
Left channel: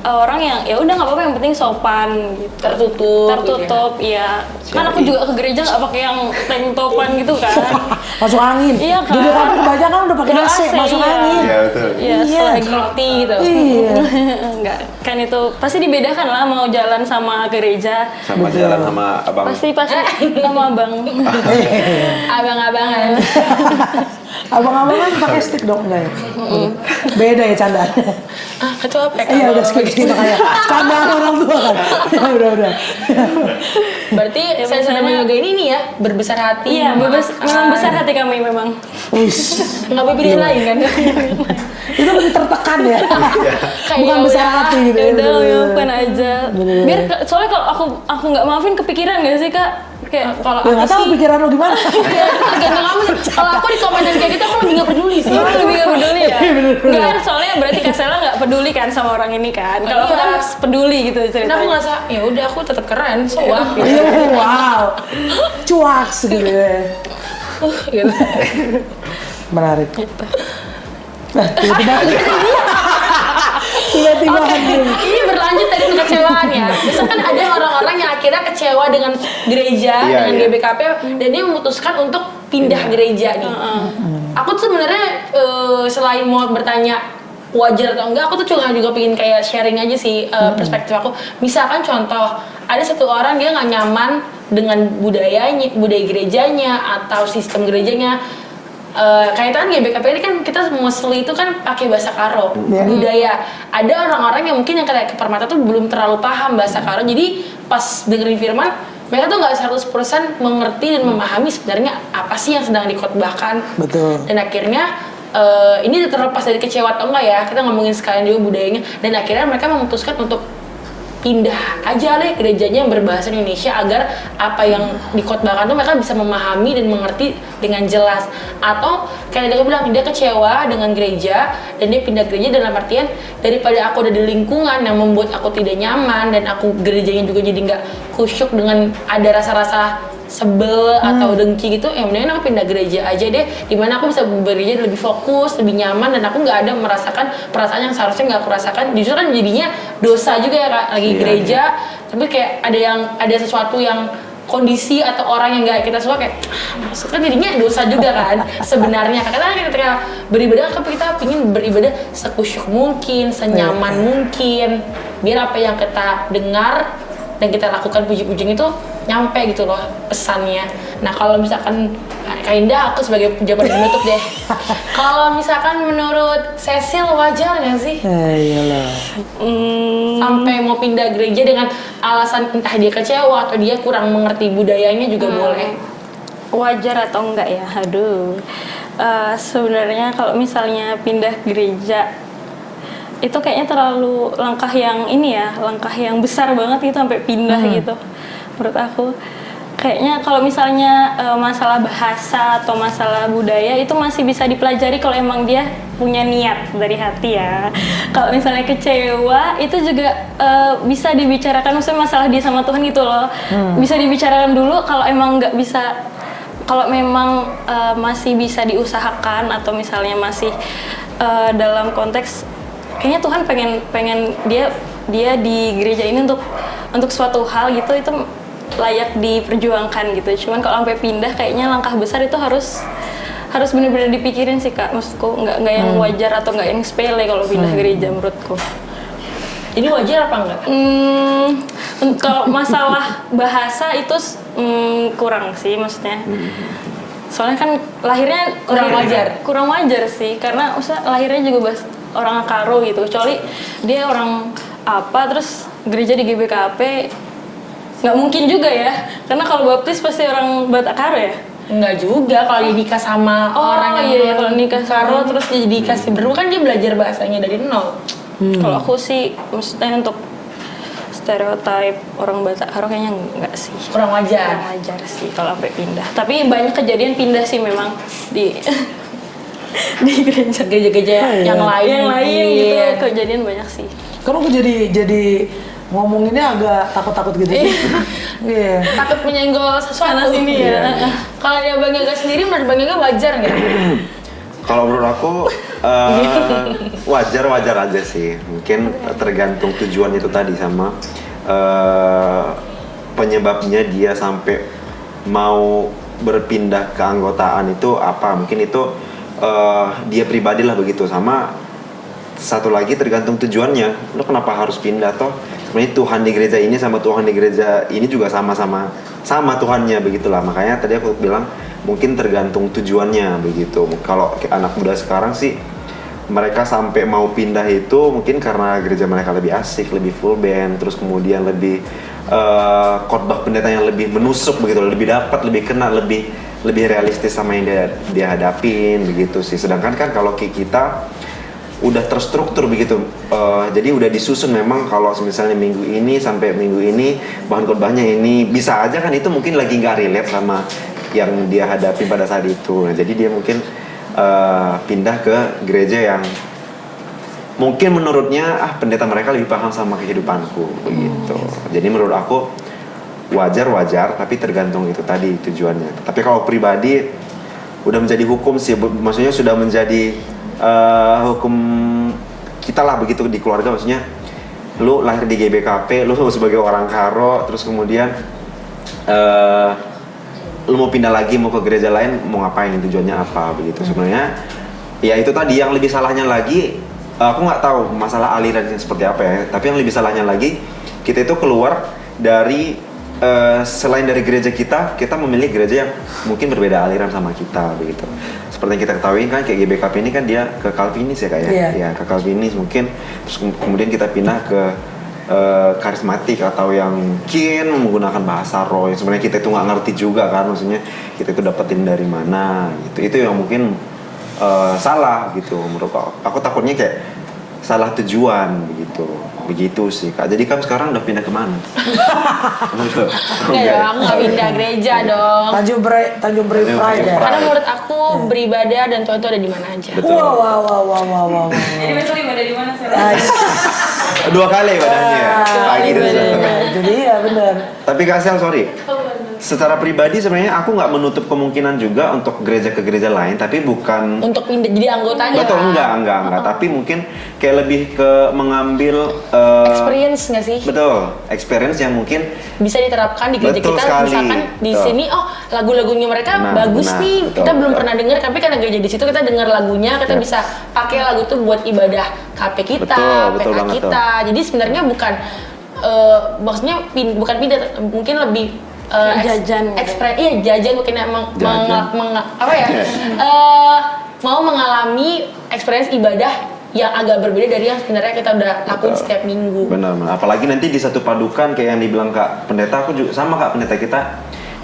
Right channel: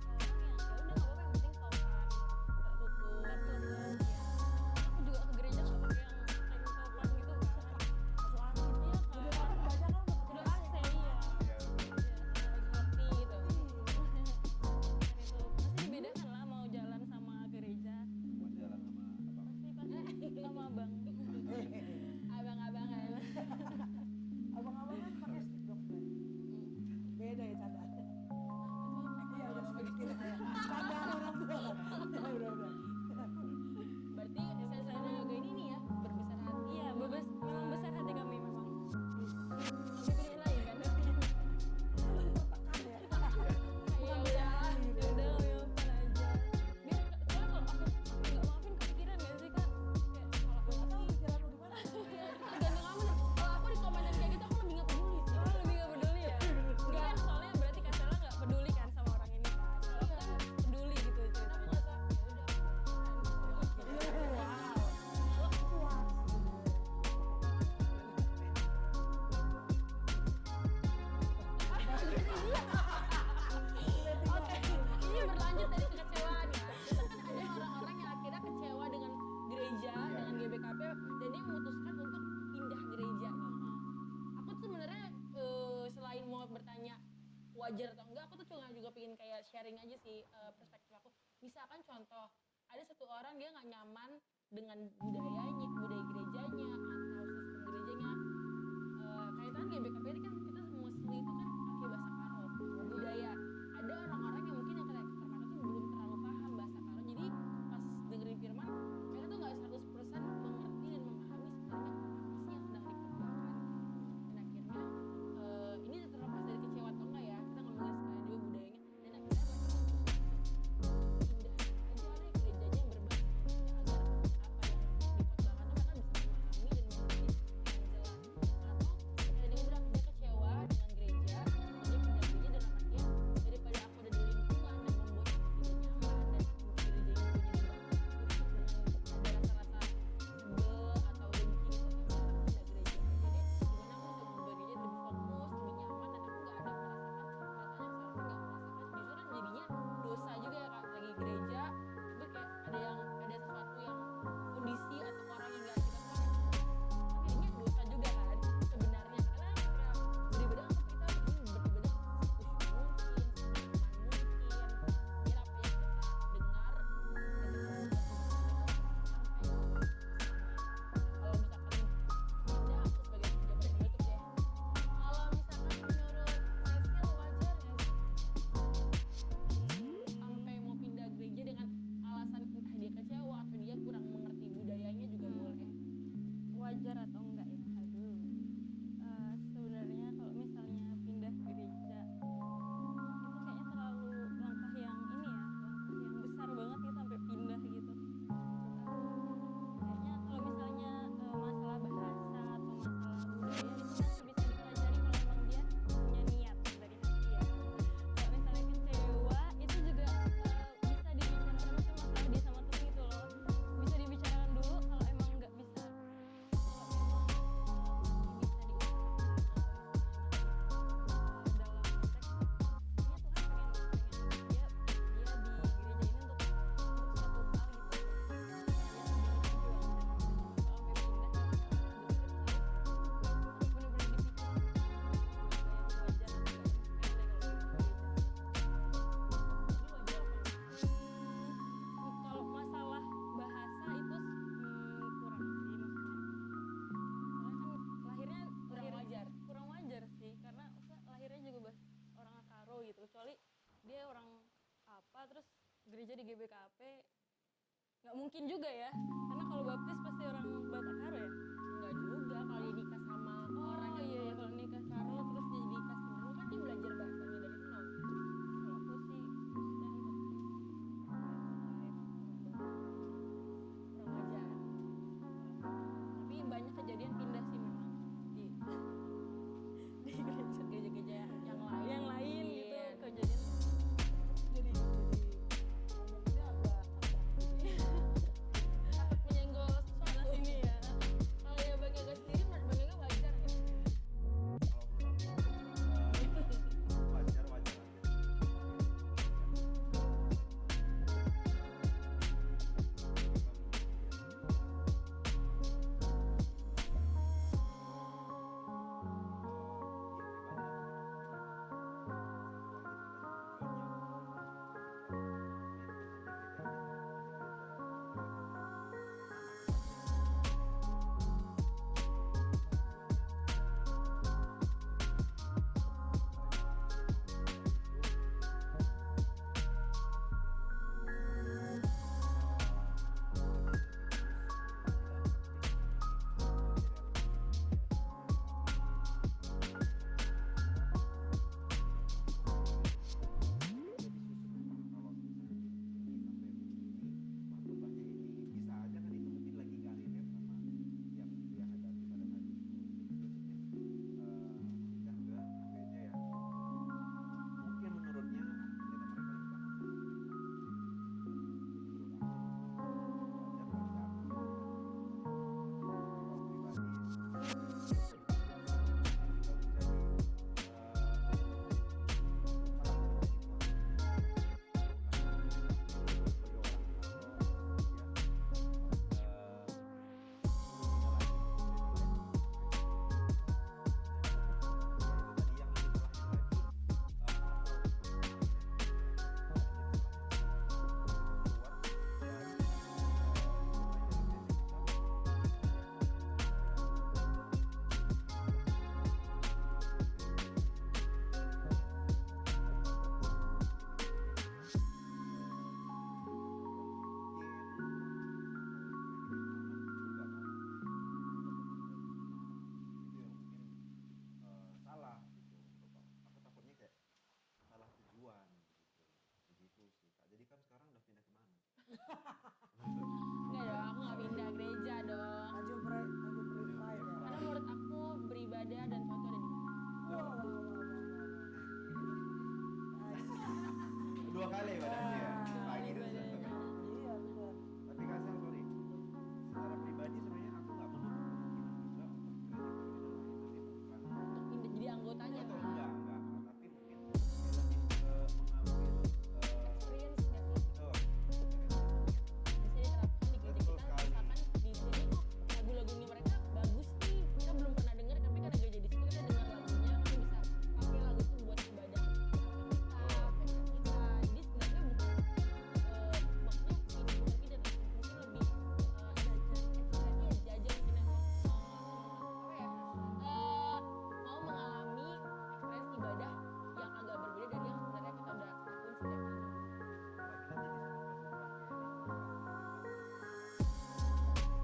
orang yang ya udah nggak apa-apa, yang penting sopan gitu. Tertutup, iya. Kan aku juga ke gereja nggak pakai yang tank topan gitu kan. Masuk angin. Iya kan. Di depan kebanyakan udah pakai Udah AC, masuk iya. angin. Iya betul. Iya, selagi Roti gitu. Iya. enggak kan itu pasti dibedakan lah mau jalan sama gereja. Sama jalan sama abang. Pasti sama abang. Abang-abangan. Abang-abangan pakai stick dong enggak ya? Beda ya candaan. Ketua PK. Iya udah skip makanya. Candaan orang tua kan. Ya udah. Berarti saya sedang yoga ini nih ya, berbesar hati. Iya, memang besar hati kami memang. Wis. Nggak pilih lain kan? Itu lebih tertekan ya. Bukan ya besar udah, hati gitu. Ya udah Bener-bener. maafkan aja. Biar soalnya kalau aku nggak maafin kepikiran gak sih Kak? Kayak Kalau Ya aku nggak tahu sih, pikiran lo gimana. tergantung kamu sih. Kalau aku di komentar kayak gitu, aku lebih nggak peduli sih. Orang lebih gak peduli ya? Enggak kan, soalnya berarti Kak Sela gak peduli kan sama orang ini kan? Kalau aku kan Iya. peduli gitu Karena aku ceritanya. ngerasa, ya udah aku tetap keren, so what? Gitu. Iya, wow. Cuaks gitu ya. Gitu. Menarik. Nah, tiba-tiba hadir. Ini berlanjut dari kekecewaan ya. Biasanya kan ada orang-orang yang akhirnya kecewa dengan gereja, Iya, dengan iya. GBKP, dan dia memutuskan untuk pindah gereja nih. Aku tuh sebenarnya selain mau bertanya wajar atau enggak, aku tuh juga pengen kayak sharing aja sih perspektif aku. Misalkan contoh, ada satu orang dia nggak nyaman dengan budaya gerejanya atau sistem gerejanya. Kayak kan GBKP ini kan kita mostly itu kan pakai bahasa Karo budaya. Ada orang-orang yang mungkin yang kayak ke Permata tuh belum terlalu paham bahasa Karo, jadi pas dengerin firman mereka tuh nggak 100% mengerti dan memahami sebenarnya apa sih yang sedang dikhotbahkan. Betul. Dan akhirnya ini terlepas dari kecewa atau enggak ya, kita ngomongin sekalian juga budayanya, dan akhirnya mereka memutuskan untuk pindah aja deh gerejanya yang berbahasa Indonesia agar apa yang dikhotbahkan tuh mereka bisa memahami dan mengerti dengan jelas. Atau kayak dia bilang dia kecewa dengan gereja dan dia pindah gereja dalam artian daripada aku ada di lingkungan yang membuat aku tidak nyaman dan aku gerejanya juga jadi nggak khusyuk dengan ada rasa-rasa sebel atau dengki gitu, ya mendingan aku pindah gereja aja deh, dimana aku bisa bekerja lebih fokus, lebih nyaman, dan aku nggak ada merasakan perasaan yang seharusnya nggak aku rasakan. Justru kan jadinya dosa juga ya Kak, lagi gereja tapi kayak ada sesuatu yang kondisi atau orang yang nggak kita suka kayak maksudnya jadinya dosa juga kan sebenarnya. Karena ketika beribadah kita ingin beribadah sekusyuk mungkin, senyaman mungkin, biar apa yang kita dengar dan kita lakukan puji-pujian itu nyampe gitu loh pesannya. Nah kalau misalkan Kak Indah, aku sebagai pejabat penutup deh. Kalau misalkan menurut Cecil wajar nggak sih Iyalah. sampai mau pindah gereja dengan alasan entah dia kecewa atau dia kurang mengerti budayanya juga boleh? Wajar atau enggak ya? Aduh. Sebenarnya kalau misalnya pindah gereja itu kayaknya terlalu langkah yang besar banget gitu sampai pindah gitu. Menurut aku kayaknya kalau misalnya masalah bahasa atau masalah budaya itu masih bisa dipelajari kalau emang dia punya niat dari hati ya. Kalau misalnya kecewa itu juga bisa dibicarakan, maksudnya masalah dia sama Tuhan gitu loh. Bisa dibicarakan dulu. Kalau emang nggak bisa, kalau memang masih bisa diusahakan atau misalnya masih dalam konteks kayaknya Tuhan pengen dia di gereja ini untuk suatu hal gitu, itu layak diperjuangkan gitu. Cuman kalau sampai pindah kayaknya langkah besar itu harus benar-benar dipikirin sih Kak. Maksudku nggak yang wajar atau nggak yang sepele kalau pindah gereja menurutku. Jadi wajar apa enggak? Kalau masalah bahasa itu kurang sih maksudnya. Soalnya kan lahirnya kurang wajar sih, karena lahirnya juga orang Karo gitu, kecuali dia orang apa terus gereja di GBKP nggak mungkin juga ya, karena kalau baptis pasti orang Batak Karo ya. Enggak juga, kalau dia nikah sama orang yang kalau nikah Karo terus dia dikasih beru kan dia belajar bahasanya dari nol. Kalau aku sih maksudnya untuk stereotip orang Batak Karo kayaknya enggak sih. Kurang wajar. Kurang wajar sih kalau sampai pindah. Tapi banyak kejadian pindah sih memang di gereja-gereja yang lain. Gitu kejadian banyak sih. Kalau aku jadi ngomonginnya agak takut-takut gitu. Iya. Takut menyenggol sesuatu. Sana sini ya. Kalau dia Bang Yoga sendiri, menurut Bang Yoga wajar nggak? Kalau menurut aku Wajar aja sih. Mungkin tergantung tujuan itu tadi sama penyebabnya dia sampai mau berpindah keanggotaan itu apa. Mungkin itu dia pribadi lah begitu. Sama satu lagi tergantung tujuannya. Lo kenapa harus pindah toh? Sebenarnya Tuhan di gereja ini sama Tuhan di gereja ini juga sama Tuhannya begitulah. Makanya tadi aku bilang mungkin tergantung tujuannya begitu. Kalau anak muda sekarang sih mereka sampai mau pindah itu mungkin karena gereja mereka lebih asik, lebih full band, terus kemudian lebih khotbah pendeta yang lebih menusuk begitu, lebih dapat, lebih kena, lebih realistis sama yang dia hadapin begitu sih. Sedangkan kan kalau kita udah terstruktur begitu, jadi udah disusun memang kalau misalnya minggu ini sampai minggu ini bahan khotbahnya ini, bisa aja kan itu mungkin lagi nggak relate sama yang dia hadapi pada saat itu. Nah, jadi dia mungkin pindah ke gereja yang mungkin menurutnya pendeta mereka lebih paham sama kehidupanku begitu. Jadi menurut aku wajar tapi tergantung itu tadi tujuannya. Tapi kalau pribadi udah menjadi hukum sih, maksudnya sudah menjadi hukum kita lah begitu di keluarga. Maksudnya lu lahir di GBKP, lu sebagai orang Karo, terus kemudian lu mau pindah lagi, mau ke gereja lain, mau ngapain, tujuannya apa begitu. Sebenarnya ya itu tadi, yang lebih salahnya lagi, aku nggak tahu masalah alirannya seperti apa ya, tapi yang lebih salahnya lagi, kita itu keluar dari selain dari gereja kita memilih gereja yang mungkin berbeda aliran sama kita begitu. Seperti yang kita ketahui kan kayak GBKP ini kan dia ke Calvinis ya kayak ya ke Calvinis mungkin, terus kemudian kita pindah ke karismatik atau yang mungkin menggunakan bahasa roh yang sebenarnya kita itu nggak ngerti juga kan, maksudnya kita itu dapetin dari mana gitu. Itu yang mungkin salah gitu menurut aku takutnya kayak salah tujuan begitu sih Kak. Jadi kamu sekarang udah pindah kemana? Enggak ya, aku nggak pindah gereja dong. Tanjung Priok Pride ya. Karena menurut aku beribadah dan Tuhan itu ada di mana aja. Betul. Wow. Jadi besok ibadah di mana sih? 2 kali ibadahnya pagi dan sore. Jadi ya benar. Tapi Kak Sel, sorry. Secara pribadi sebenarnya aku nggak menutup kemungkinan juga untuk gereja ke gereja lain, tapi bukan Untuk pindah jadi anggotanya. betul kan? enggak. Tapi mungkin kayak lebih ke mengambil Experience nggak sih? betul, experience yang mungkin Bisa diterapkan di gereja Betul kita. sekali. Misalkan di Betul. sini, lagu-lagunya mereka bagus benar. nih. Betul, Kita belum betul. pernah dengar, tapi karena gereja di situ kita dengar lagunya, kita Yap. bisa pakai lagu itu buat ibadah KP kita, Betul PA banget, kita. Jadi sebenarnya bukan maksudnya bukan pindah, mungkin lebih Jajan gitu. jajan mungkin emang Jajan. mau mengalami experience ibadah yang agak berbeda dari yang sebenarnya kita udah lakuin setiap minggu. benar. Apalagi nanti di satu padukan kayak yang dibilang Kak Pendeta, aku juga sama Kak Pendeta kita.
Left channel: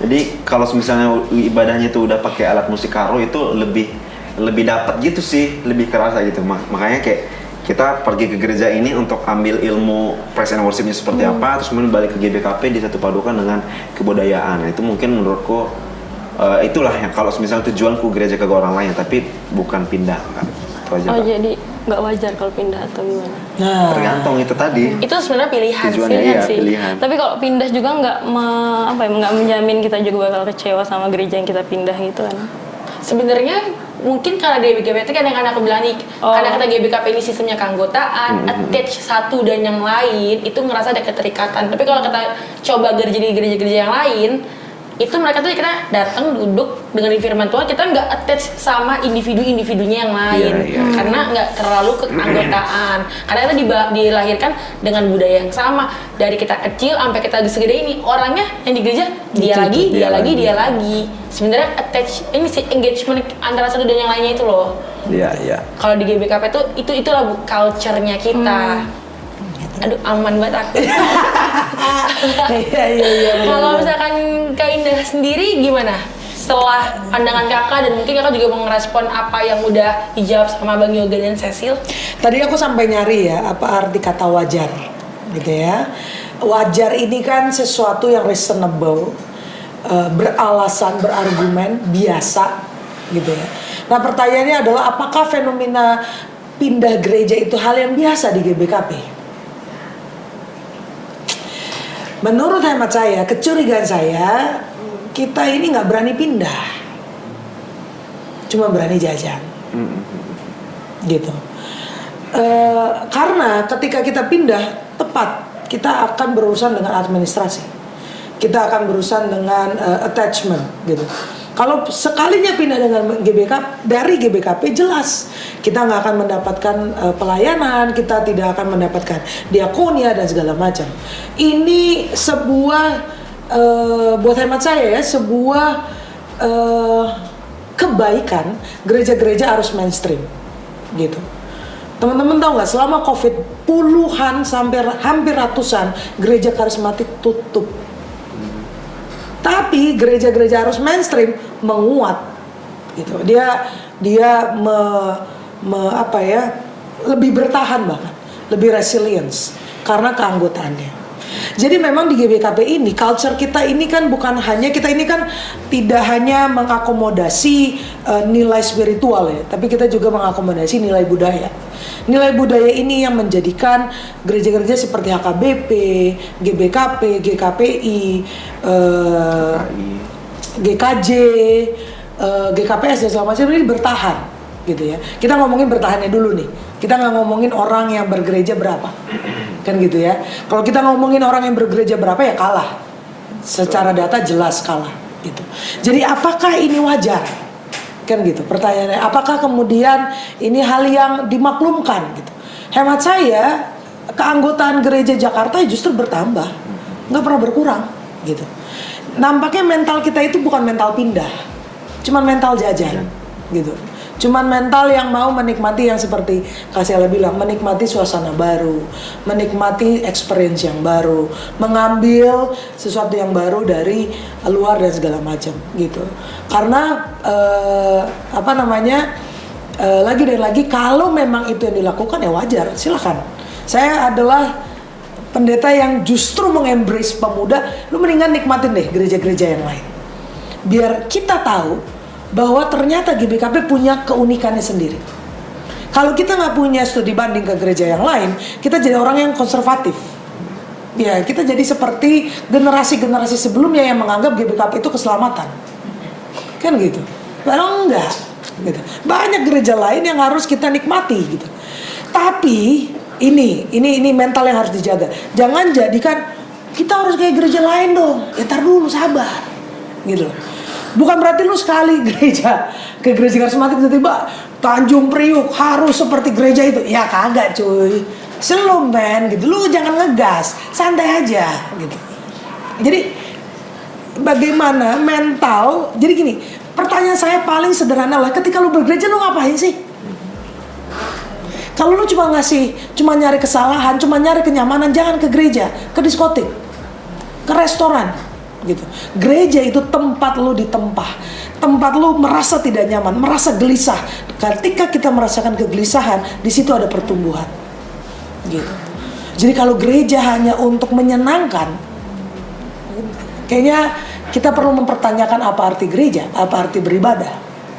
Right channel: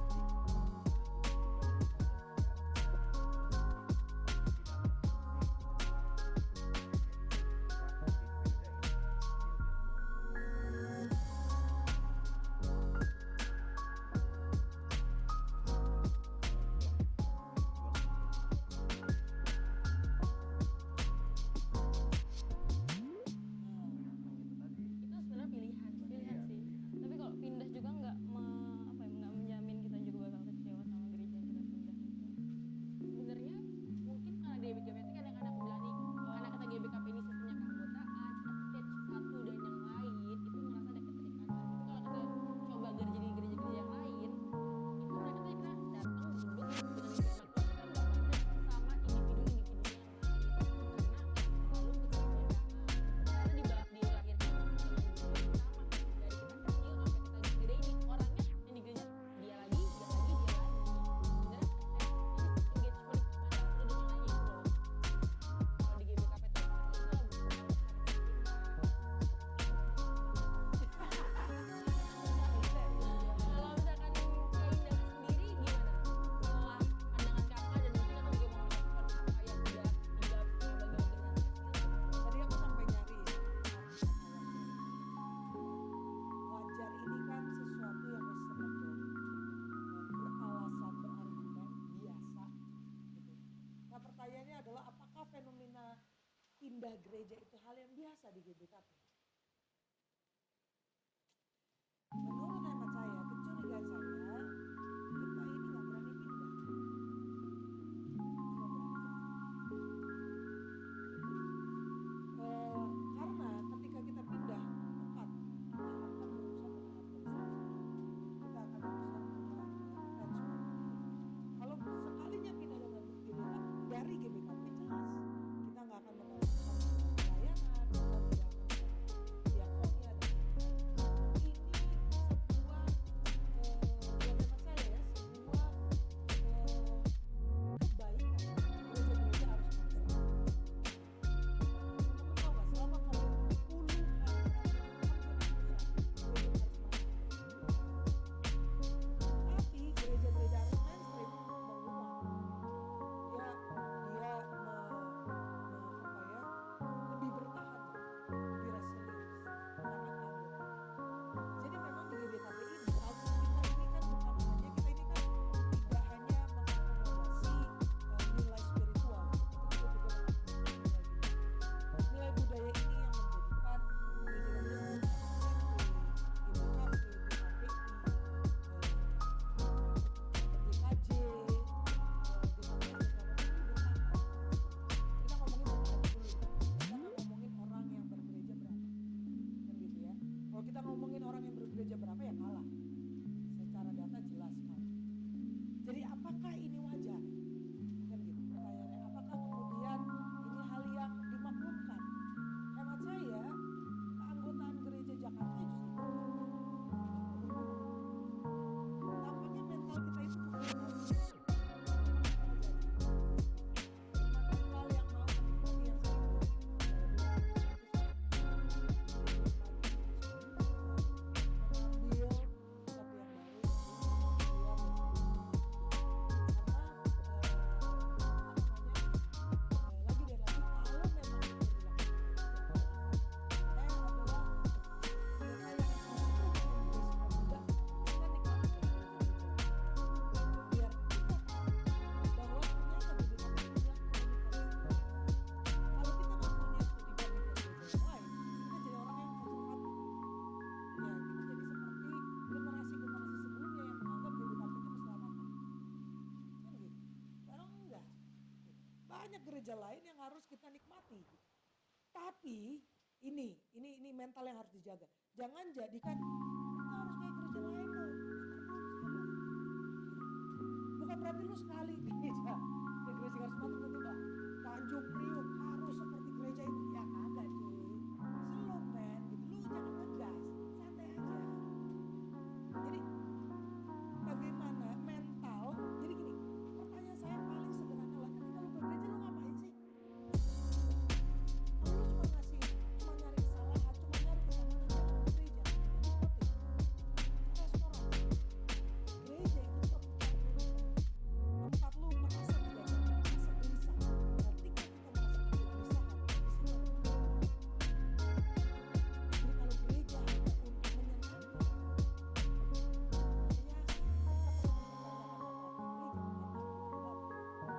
Jadi kalau misalnya ibadahnya itu udah pakai alat musik karo itu lebih dapat gitu sih, lebih kerasa gitu. Makanya kayak kita pergi ke gereja ini untuk ambil ilmu praise and worship-nya seperti apa, terus kemudian balik ke GBKP di satu padukan dengan kebudayaan. Nah, itu mungkin menurutku itulah yang kalau misalnya tujuanku gereja ke orang lain, tapi bukan pindah kan. Itu aja, Kak. Jadi nggak wajar kalau pindah atau gimana? Nah, Tergantung itu tadi. Itu sebenarnya pilihan Tujuannya sih. iya, Sih. pilihan. Tapi kalau pindah juga nggak menjamin kita juga bakal kecewa sama gereja yang kita pindah gitu kan? Sebenarnya mungkin karena di GBKP kan yang aku bilang nih, karena kita GBKP ini sistemnya keanggotaan, attach satu dan yang lain itu ngerasa ada keterikatan. Tapi kalau kita coba gereja di gereja-gereja yang lain, itu mereka tuh kita datang duduk dengan firman Tuhan, kita nggak attach sama individu-individunya yang lain, Iya. karena nggak terlalu keanggotaan. Karena kita dilahirkan dengan budaya yang sama dari kita kecil sampai kita segede ini, orangnya yang di gereja dia lagi. Sebenarnya attach ini sih engagement antara satu dan yang lainnya itu loh. Iya. Kalau di GBKP tuh itulah culture-nya kita. Aduh, aman banget aku. Iya. Kalau misalkan Kak Indah sendiri gimana? Setelah pandangan kakak dan mungkin kakak juga mau ngerespon apa yang udah dijawab sama Bang Yoga dan Cecil. Tadi aku sampai nyari ya apa arti kata wajar, gitu ya. Wajar ini kan sesuatu yang reasonable, beralasan, berargumen, biasa, gitu ya. Nah pertanyaannya adalah apakah fenomena pindah gereja itu hal yang biasa di GBKP? Menurut hemat saya, kecurigaan saya, kita ini nggak berani pindah, cuma berani jajan. gitu. Karena ketika kita pindah tepat, kita akan berurusan dengan administrasi, kita akan berurusan dengan attachment gitu. Kalau sekalinya pindah dengan dari GBKP, jelas kita nggak akan mendapatkan pelayanan, kita tidak akan mendapatkan diakonia dan segala macam. Ini sebuah buat hemat saya ya, sebuah kebaikan gereja-gereja harus mainstream gitu. Teman-teman tahu nggak, selama COVID puluhan sampai hampir ratusan gereja karismatik tutup. Tapi gereja-gereja harus mainstream menguat gitu. Dia lebih bertahan, bahkan lebih resilience karena keanggotaannya. Jadi memang di GBKP ini, culture kita ini kan bukan hanya, kita ini kan tidak hanya mengakomodasi nilai spiritual ya, tapi kita juga mengakomodasi nilai budaya. Nilai budaya ini yang menjadikan gereja-gereja seperti HKBP, GBKP, GKPI, GKJ, GKPS dan segala macam ini bertahan gitu ya. Kita ngomongin bertahannya dulu nih. Kita nggak ngomongin orang yang bergereja berapa, kan gitu ya. Kalau kita ngomongin orang yang bergereja berapa ya kalah. Secara data jelas kalah gitu. Jadi apakah ini wajar? Kan gitu pertanyaannya, apakah kemudian ini hal yang dimaklumkan gitu? Hemat saya, keanggotaan gereja Jakarta justru bertambah, nggak pernah berkurang gitu. Nampaknya mental kita itu bukan mental pindah, cuman mental jajan gitu. Cuman mental yang mau menikmati yang seperti Kak Sela bilang, menikmati suasana baru, menikmati experience yang baru, mengambil sesuatu yang baru dari luar dan segala macam gitu. Karena lagi dan lagi kalau memang itu yang dilakukan ya wajar, silakan. Saya adalah pendeta yang justru mengembrace pemuda, lu mendingan nikmatin deh gereja-gereja yang lain. Biar kita tahu bahwa ternyata GBKP punya keunikannya sendiri. Kalau kita nggak punya studi banding ke gereja yang lain, kita jadi orang yang konservatif. Ya, kita jadi seperti generasi-generasi sebelumnya yang menganggap GBKP itu keselamatan. Kan gitu. Padahal enggak. Gitu. Banyak gereja lain yang harus kita nikmati gitu. Tapi ini mental yang harus dijaga. Jangan jadikan kita harus kayak gereja lain dong. Ya tar dulu, sabar. Gitu. Bukan berarti lu sekali ke gereja karismatik tiba-tiba Tanjung Priuk harus seperti gereja itu. Ya kagak cuy. Slow man gitu. Lu jangan ngegas, santai aja gitu. Jadi bagaimana mental? Jadi gini, pertanyaan saya paling sederhana lah, ketika lu bergereja lu ngapain sih? Kalau lu cuma nyari kesalahan, cuma nyari kenyamanan, jangan ke gereja, ke diskotik, ke restoran. Gitu. Gereja itu tempat lu ditempah, tempat lu merasa tidak nyaman, merasa gelisah. Ketika kita merasakan kegelisahan, di situ ada pertumbuhan. Gitu. Jadi kalau gereja hanya untuk menyenangkan, kayaknya kita perlu mempertanyakan apa arti gereja, apa arti beribadah,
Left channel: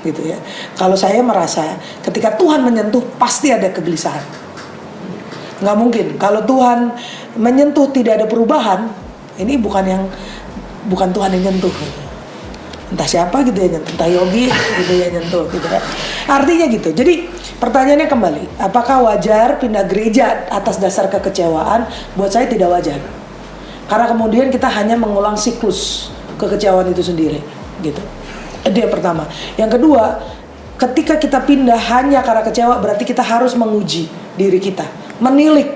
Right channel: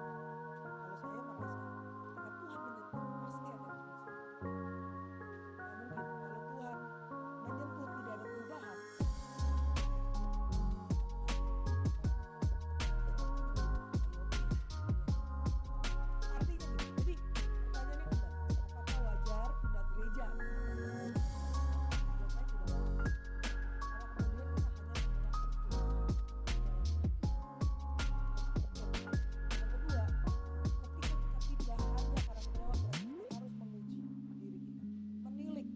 gitu ya. Kalau saya merasa ketika Tuhan menyentuh pasti ada kegelisahan. Nggak mungkin kalau Tuhan menyentuh tidak ada perubahan, ini bukan Tuhan yang nyentuh gitu. Entah siapa gitu ya nyentuh, entah Yogi gitu ya nyentuh gitu kan. Artinya gitu. Jadi pertanyaannya kembali, apakah wajar pindah gereja atas dasar kekecewaan? Buat saya tidak wajar. Karena kemudian kita hanya mengulang siklus kekecewaan itu sendiri gitu. Itu yang pertama. Yang kedua, ketika kita pindah hanya karena kecewa, berarti kita harus menguji diri kita, menilik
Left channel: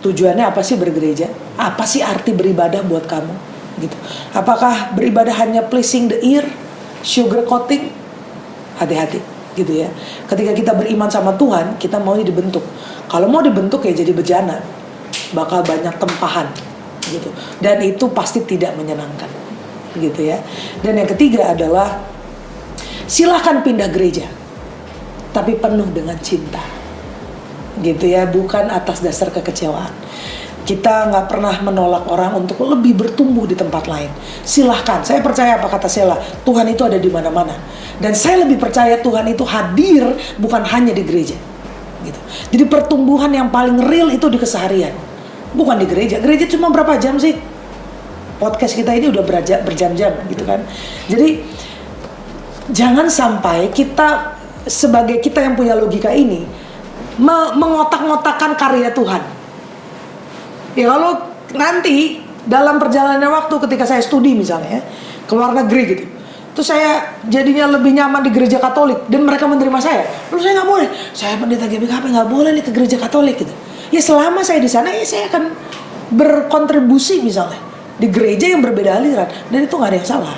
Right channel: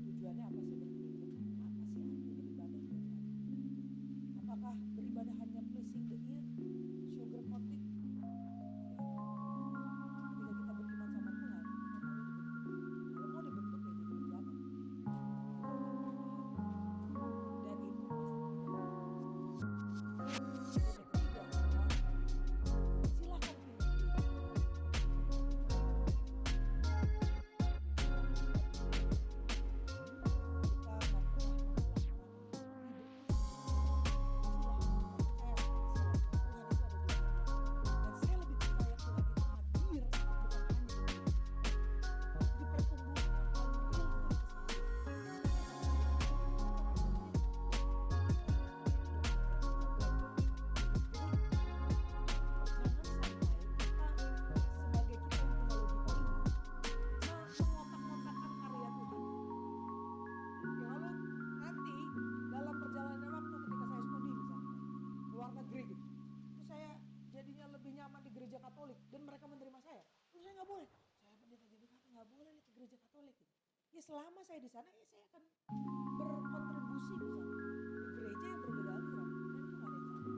tujuannya apa sih bergereja? Apa sih arti beribadah buat kamu? Gitu. Apakah beribadah hanya pleasing the ear, sugar coating? Hati-hati gitu ya. Ketika kita beriman sama Tuhan, kita maunya dibentuk. Kalau mau dibentuk ya jadi bejana, bakal banyak tempahan gitu. Dan itu pasti tidak menyenangkan gitu ya. Dan yang ketiga adalah silahkan pindah gereja, tapi penuh dengan cinta gitu ya, bukan atas dasar kekecewaan. Kita nggak pernah menolak orang untuk lebih bertumbuh di tempat lain. Silahkan, saya percaya apa kata Sela, Tuhan itu ada di mana-mana. Dan saya lebih percaya Tuhan itu hadir bukan hanya di gereja. Gitu. Jadi pertumbuhan yang paling real itu di keseharian, bukan di gereja. Gereja cuma berapa jam sih? Podcast kita ini udah berjam-jam gitu kan. Jadi jangan sampai kita sebagai kita yang punya logika ini mengotak-ngotakkan karya Tuhan. Ya kalau nanti dalam perjalanan waktu ketika saya studi misalnya ke luar negeri gitu, terus saya jadinya lebih nyaman di gereja Katolik dan mereka menerima saya, lalu saya nggak boleh, saya pendeta GBKP nggak boleh nih ke gereja Katolik gitu. Ya selama saya di sana ya saya akan berkontribusi misalnya di gereja yang berbeda aliran, dan itu nggak ada yang salah,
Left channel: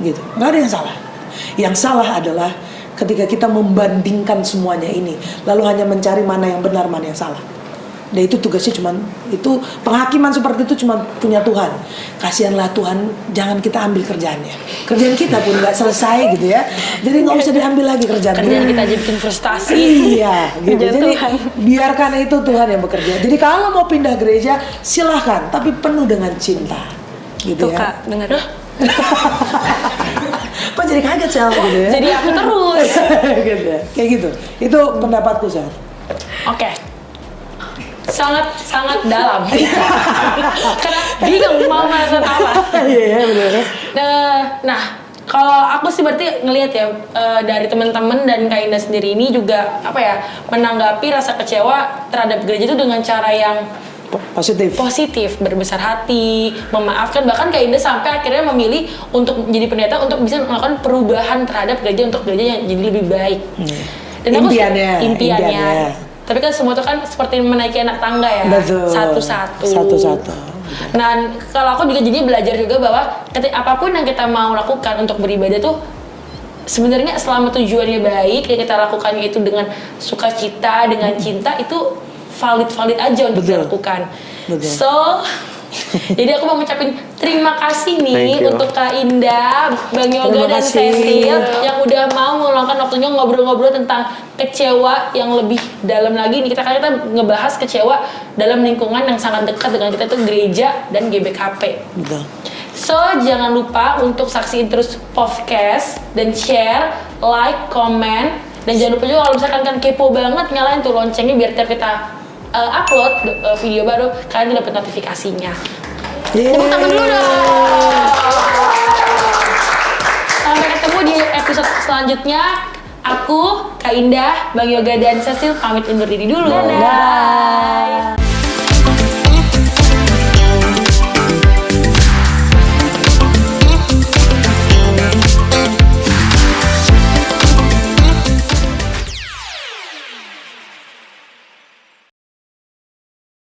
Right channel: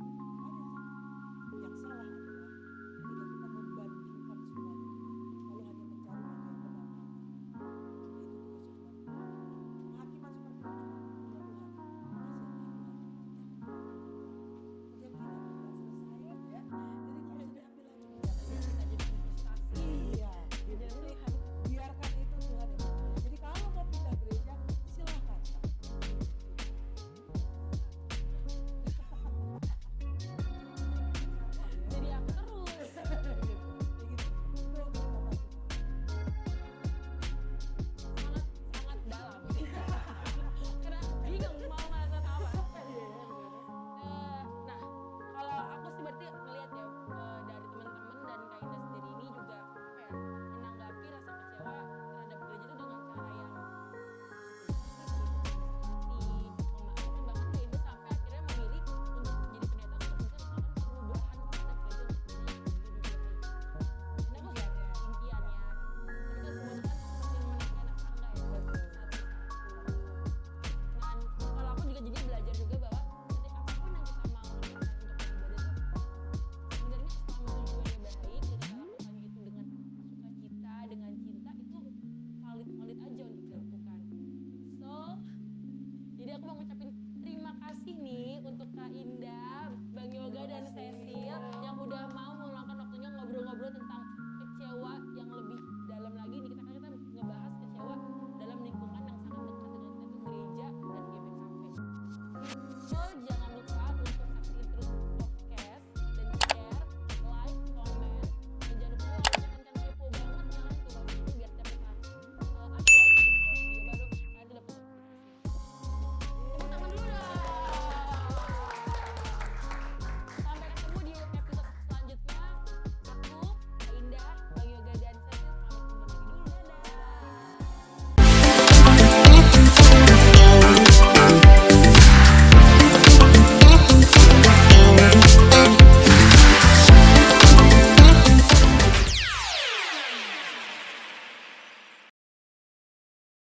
gitu, nggak ada yang salah. Yang salah adalah ketika kita membandingkan semuanya ini, lalu hanya mencari mana yang benar, mana yang salah. Dan itu tugasnya itu penghakiman seperti itu cuma punya Tuhan. Kasihanlah Tuhan, jangan kita ambil kerjaannya. Kerjaan kita pun nggak selesai gitu ya. Jadi nggak usah diambil lagi kerjaan Kita aja bikin frustasi. Iya, gitu. Jadi biarkan itu Tuhan yang bekerja. Jadi kalau mau pindah gereja silahkan, tapi penuh dengan cinta, gitu Tuh ya. Kak, denger. Kok jadi kaget Sel gitu ya? Jadi aku terus. Gitu ya. Kayak gitu. Itu pendapatku Sel. Oke. Sangat dalam. Karena bingung mau merasa apa. Iya, benar. Nah, kalau aku sih berarti ngelihat ya dari teman-teman dan Kak Indah sendiri ini juga menanggapi rasa kecewa terhadap gereja itu dengan cara yang positif, berbesar hati, memaafkan, bahkan Kak Indah sampai akhirnya memilih untuk menjadi pendeta untuk bisa melakukan perubahan terhadap gereja untuk gereja yang jadi lebih baik. Dan impiannya. Tapi kan semua itu kan seperti menaiki anak tangga ya. Betul. Satu-satu. Nah, kalau aku juga jadi belajar juga bahwa apapun yang kita mau lakukan untuk beribadah tuh sebenarnya selama tujuannya baik, ya kita lakukannya itu dengan sukacita, dengan cinta, itu valid aja untuk dilakukan. Betul. So, jadi aku mau ngucapin terima kasih nih Thank you. untuk Kak Indah, Bang Yoga Terima dan kasih. Cecil yang udah mau meluangkan waktunya ngobrol-ngobrol tentang kecewa yang lebih dalam lagi. Nih kita ngebahas kecewa dalam lingkungan yang sangat dekat dengan kita, itu gereja dan GBKP. Betul. So, jangan lupa untuk saksiin terus podcast dan share, like, komen, dan jangan lupa juga kalau misalkan kan kepo banget, nyalain tuh loncengnya biar tiap kita upload video baru, kalian tuh dapat notifikasinya. Tepuk tangan dulu dong. Sampai ketemu di episode selanjutnya. Aku, Kak Indah, Bang Yoga dan Cecil pamit undur diri dulu. Dadah.